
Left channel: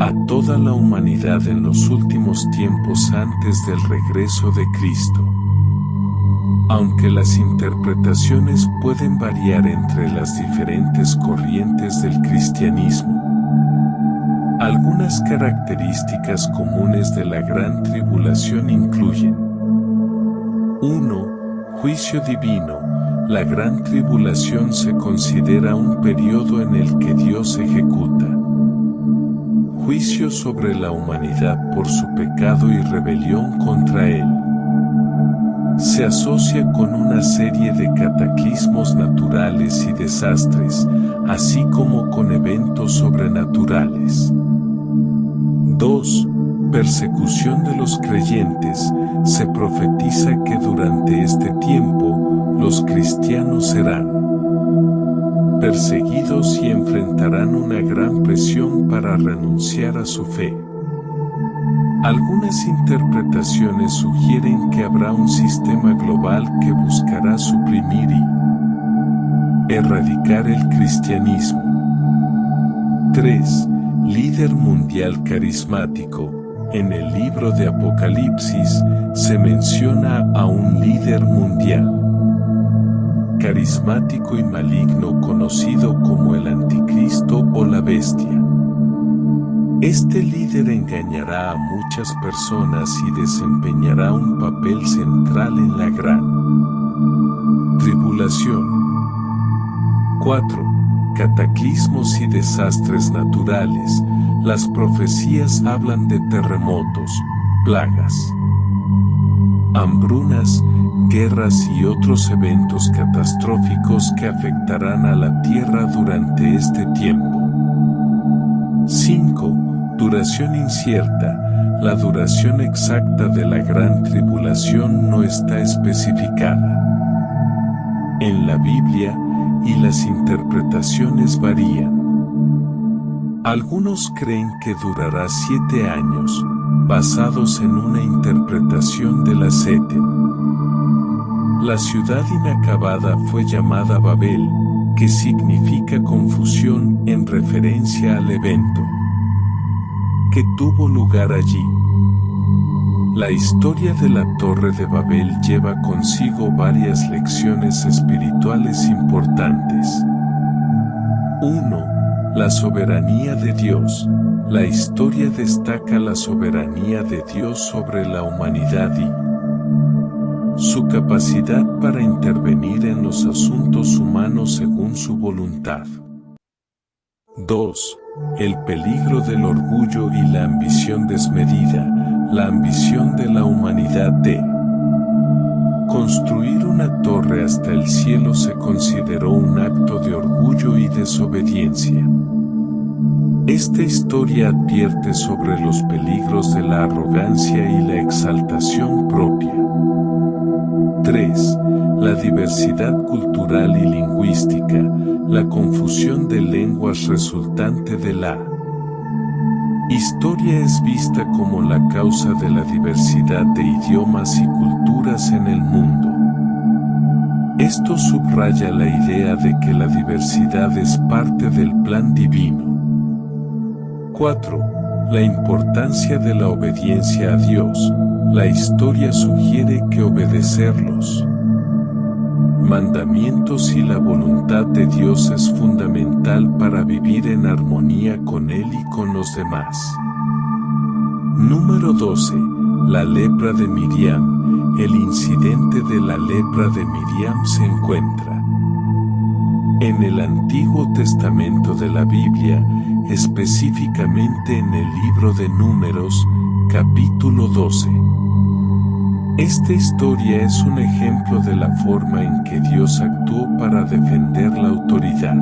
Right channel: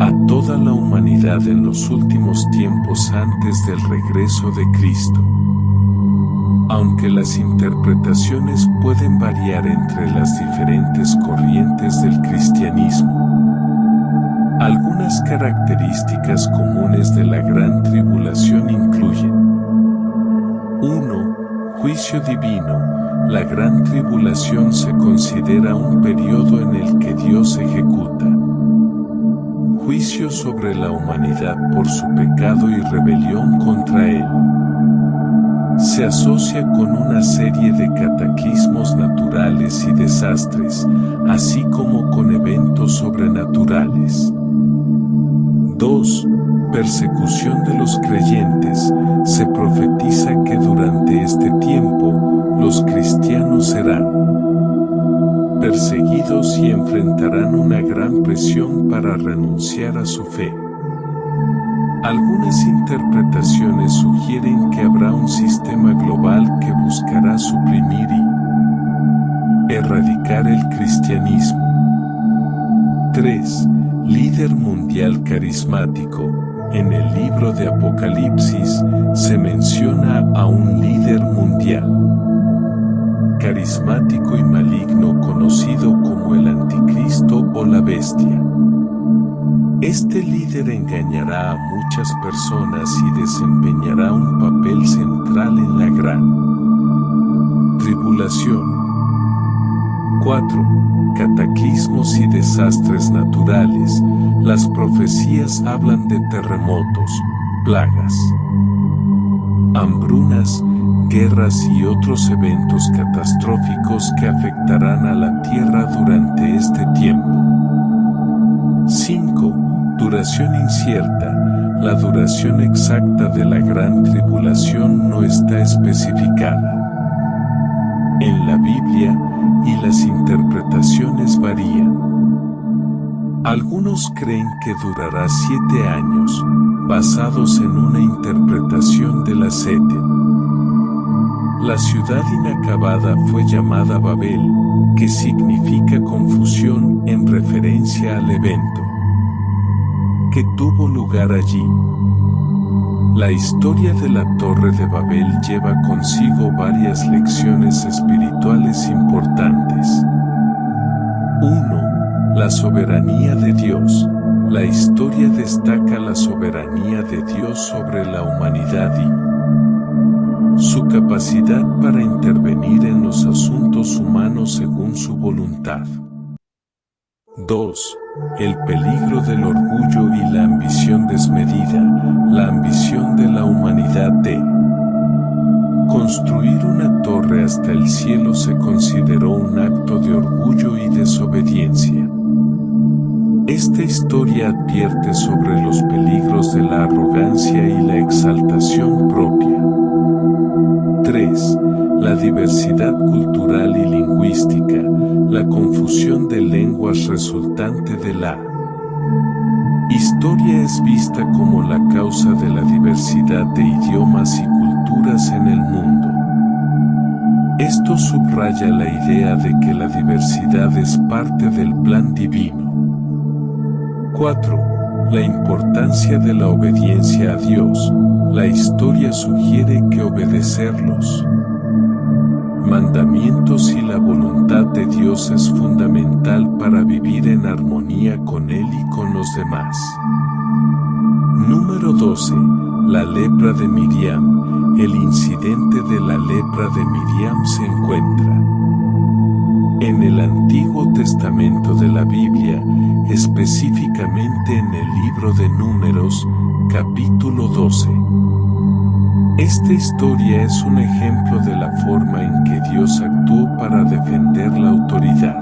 a toda la humanidad en los últimos tiempos antes del regreso de Cristo. Aunque las interpretaciones pueden variar entre las diferentes corrientes del cristianismo, algunas características comunes de la Gran Tribulación incluyen: 1. Juicio divino. La Gran Tribulación se considera un periodo en el que Dios ejecuta juicio sobre la humanidad por su pecado y rebelión contra Él. Se asocia con una serie de cataclismos naturales y desastres, así como con eventos sobrenaturales. 2. Persecución de los creyentes. Se profetiza que durante este tiempo, los cristianos serán perseguidos y enfrentarán una gran presión para renunciar a su fe. Algunas interpretaciones sugieren que habrá un sistema global que buscará suprimir y erradicar el cristianismo. 3. Líder mundial carismático. En el libro de Apocalipsis se menciona a un líder mundial carismático y maligno conocido como el Anticristo o la Bestia. Este líder engañará a muchas personas y desempeñará un papel central en la Gran Tribulación. 4. Cataclismos y desastres naturales. Las profecías hablan de terremotos, plagas, hambrunas, guerras y otros eventos catastróficos que afectarán a la tierra durante este tiempo. 5. Duración incierta. La duración exacta de la Gran Tribulación no está especificada en la Biblia y las interpretaciones varían. Algunos creen que durará 7 años, basados en una interpretación de la Seten. La ciudad inacabada fue llamada Babel, que significa confusión en referencia al evento que tuvo lugar allí. La historia de la Torre de Babel lleva consigo varias lecciones espirituales importantes. 1. La soberanía de Dios. La historia destaca la soberanía de Dios sobre la humanidad y su capacidad para intervenir en los asuntos humanos según su voluntad. 2. El peligro del orgullo y la ambición desmedida. La ambición de la humanidad de construir una torre hasta el cielo se consideró un acto de orgullo y desobediencia. Esta historia advierte sobre los peligros de la arrogancia y la exaltación propia. 3. La diversidad cultural y lingüística. La confusión de lenguas resultante de la historia es vista como la causa de la diversidad de idiomas y culturas en el mundo. Esto subraya la idea de que la diversidad es parte del plan divino. 4. La importancia de la obediencia a Dios. La historia sugiere que obedecer los mandamientos y la voluntad de Dios es fundamental para vivir en armonía con Él y con los demás. Número 12. La lepra de Miriam. El incidente de la lepra de Miriam se encuentra en el Antiguo Testamento de la Biblia, específicamente en el libro de Números, capítulo 12. Esta historia es un ejemplo de la forma en que Dios actuó para defender la autoridad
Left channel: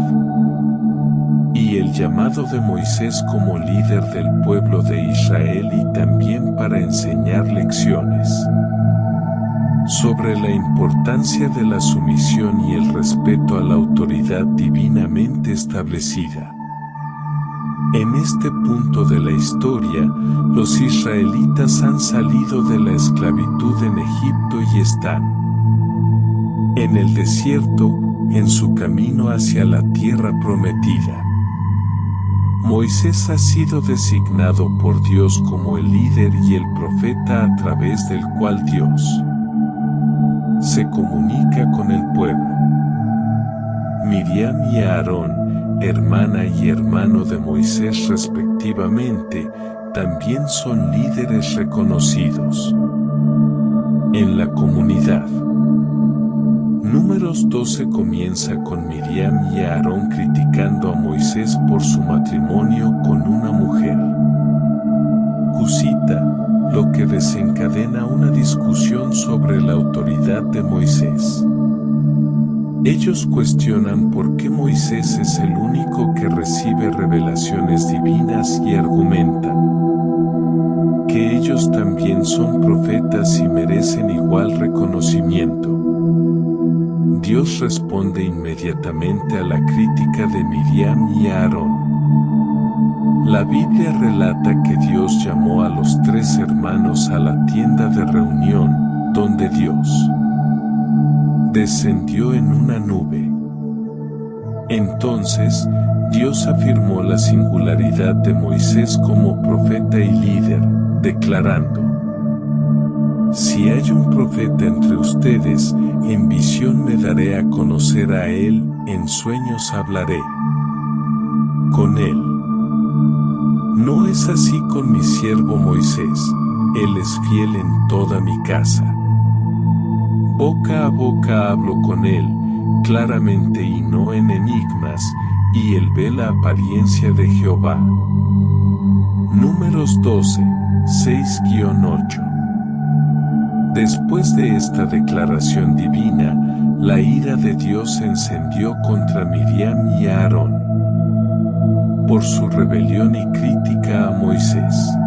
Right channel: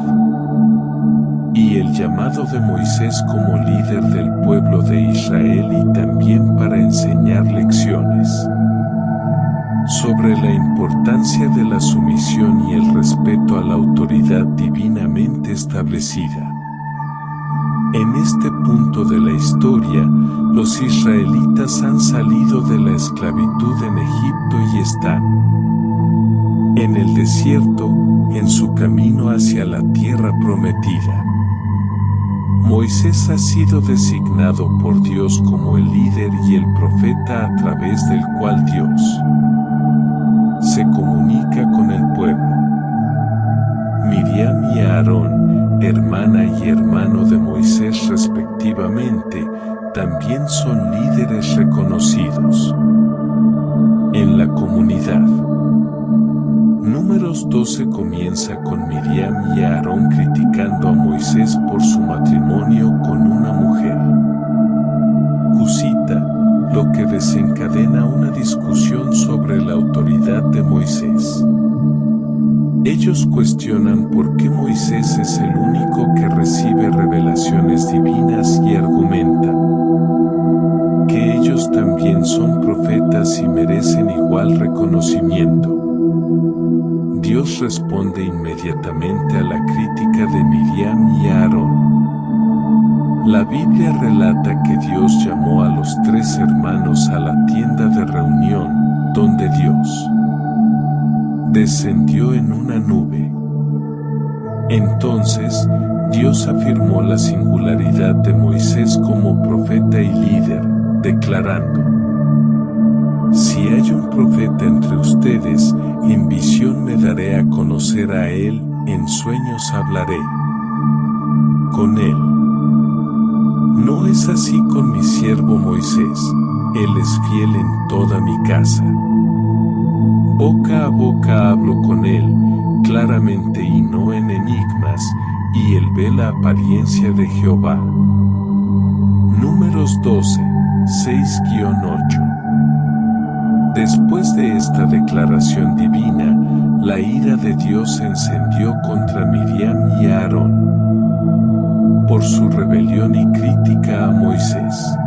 y el llamado de Moisés como líder del pueblo de Israel y también para enseñar lecciones sobre la importancia de la sumisión y el respeto a la autoridad divinamente establecida. En este punto de la historia, los israelitas han salido de la esclavitud en Egipto y están en el desierto, en su camino hacia la tierra prometida. Moisés ha sido designado por Dios como el líder y el profeta a través del cual Dios se comunica con el pueblo. Miriam y Aarón, hermana y hermano de Moisés respectivamente, también son líderes reconocidos en la comunidad. Números 12 comienza con Miriam y Aarón criticando a Moisés por su matrimonio con una mujer cusita, lo que desencadena una discusión sobre la autoridad de Moisés. Ellos cuestionan por qué Moisés es el único que recibe revelaciones divinas y argumentan que ellos también son profetas y merecen igual reconocimiento. Dios responde inmediatamente a la crítica de Miriam y Aarón. La Biblia relata que Dios llamó a los tres hermanos a la tienda de reunión, donde Dios descendió en una nube. Entonces, Dios afirmó la singularidad de Moisés como profeta y líder, declarando: si hay un profeta entre ustedes, en visión me daré a conocer a él, en sueños hablaré con él. No es así con mi siervo Moisés, él es fiel en toda mi casa. Boca a boca hablo con él, claramente y no en enigmas, y él ve la apariencia de Jehová. Números 12, 6-8. Después de esta declaración divina, la ira de Dios se encendió contra Miriam y Aarón por su rebelión y crítica a Moisés.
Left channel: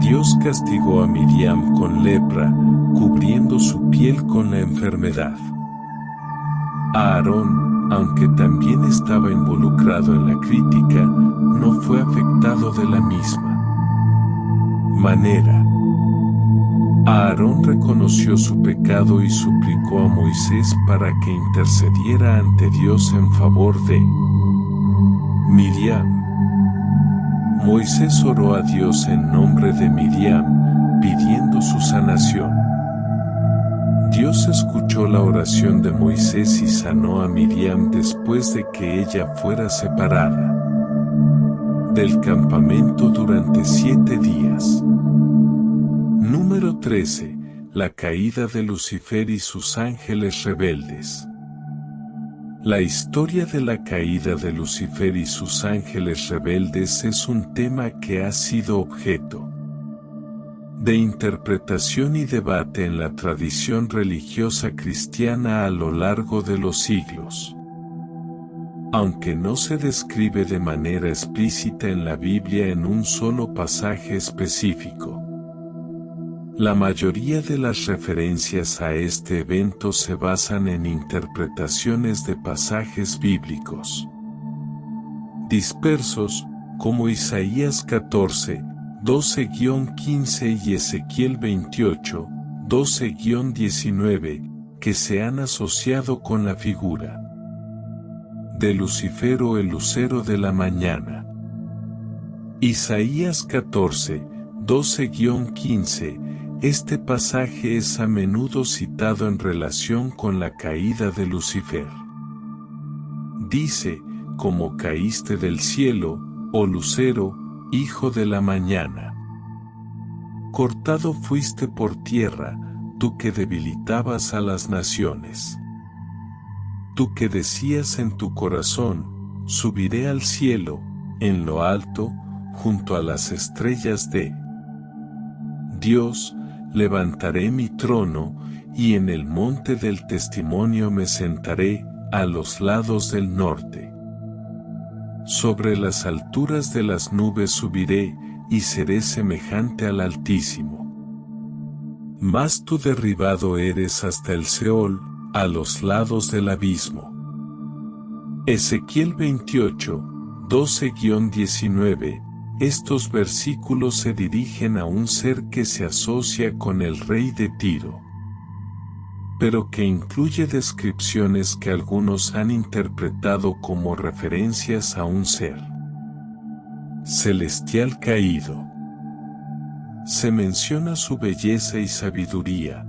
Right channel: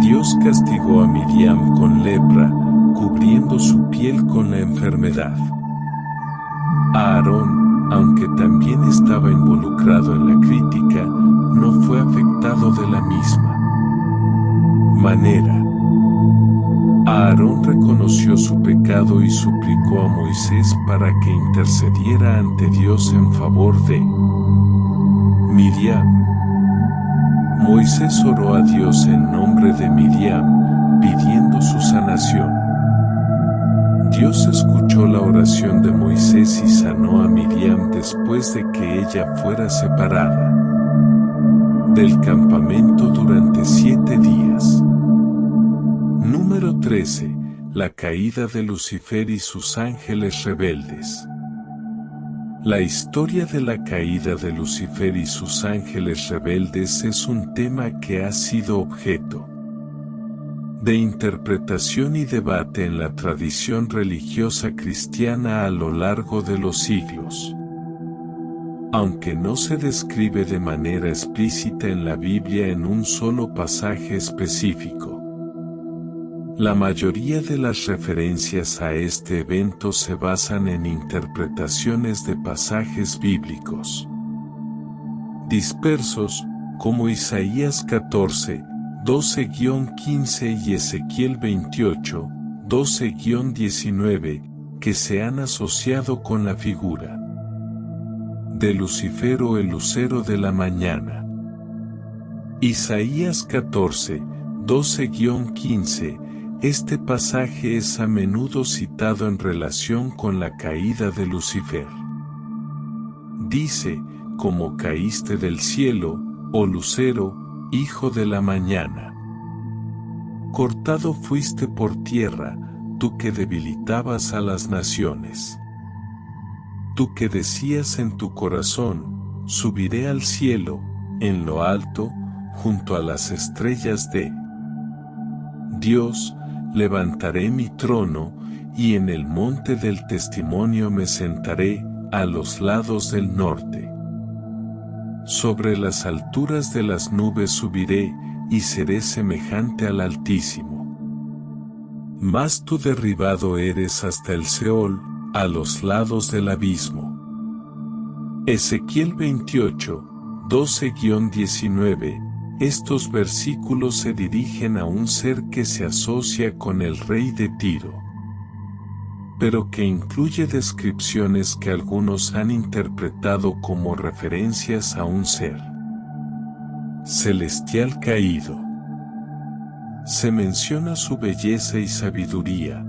Dios castigó a Miriam con lepra, cubriendo su piel con la enfermedad. Aarón, aunque también estaba involucrado en la crítica, no fue afectado de la misma manera. Aarón reconoció su pecado y suplicó a Moisés para que intercediera ante Dios en favor de Miriam. Moisés oró a Dios en nombre de Miriam, pidiendo su sanación. Dios escuchó la oración de Moisés y sanó a Miriam después de que ella fuera separada del campamento durante 7 días. Número 13. La caída de Lucifer y sus ángeles rebeldes. La historia de la caída de Lucifer y sus ángeles rebeldes es un tema que ha sido objeto de interpretación y debate en la tradición religiosa cristiana a lo largo de los siglos. Aunque no se describe de manera explícita en la Biblia en un solo pasaje específico, la mayoría de las referencias a este evento se basan en interpretaciones de pasajes bíblicos dispersos, como Isaías 14, 12-15 y Ezequiel 28, 12-19, que se han asociado con la figura de Lucifer o el lucero de la mañana. Isaías 14, 12-15. Este pasaje es a menudo citado en relación con la caída de Lucifer. Dice, como caíste del cielo, oh lucero, hijo de la mañana. Cortado fuiste por tierra, tú que debilitabas a las naciones. Tú que decías en tu corazón, subiré al cielo, en lo alto, junto a las estrellas de Dios, levantaré mi trono, y en el monte del testimonio me sentaré, a los lados del norte. Sobre las alturas de las nubes subiré, y seré semejante al Altísimo. Mas tú derribado eres hasta el Seol, a los lados del abismo. Ezequiel 28, 12-19. Estos versículos se dirigen a un ser que se asocia con el rey de Tiro, pero que incluye descripciones que algunos han interpretado como referencias a un ser celestial caído. Se menciona su belleza y sabiduría,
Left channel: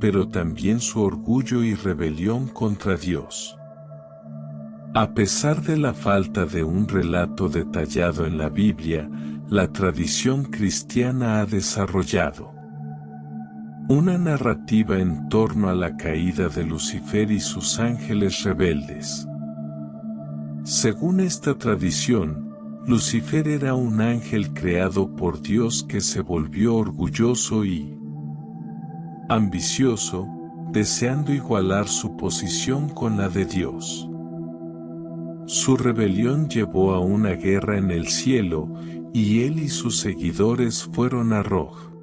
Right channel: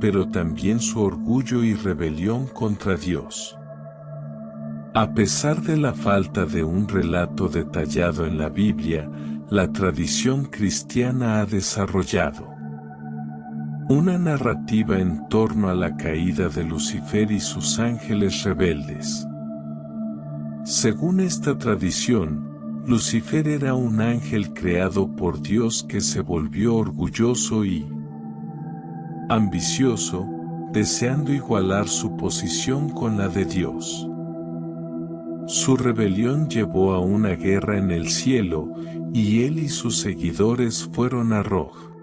pero también su orgullo y rebelión contra Dios. A pesar de la falta de un relato detallado en la Biblia, la tradición cristiana ha desarrollado una narrativa en torno a la caída de Lucifer y sus ángeles rebeldes. Según esta tradición, Lucifer era un ángel creado por Dios que se volvió orgulloso y ambicioso, deseando igualar su posición con la de Dios. Su rebelión llevó a una guerra en el cielo, y él y sus seguidores fueron arrojados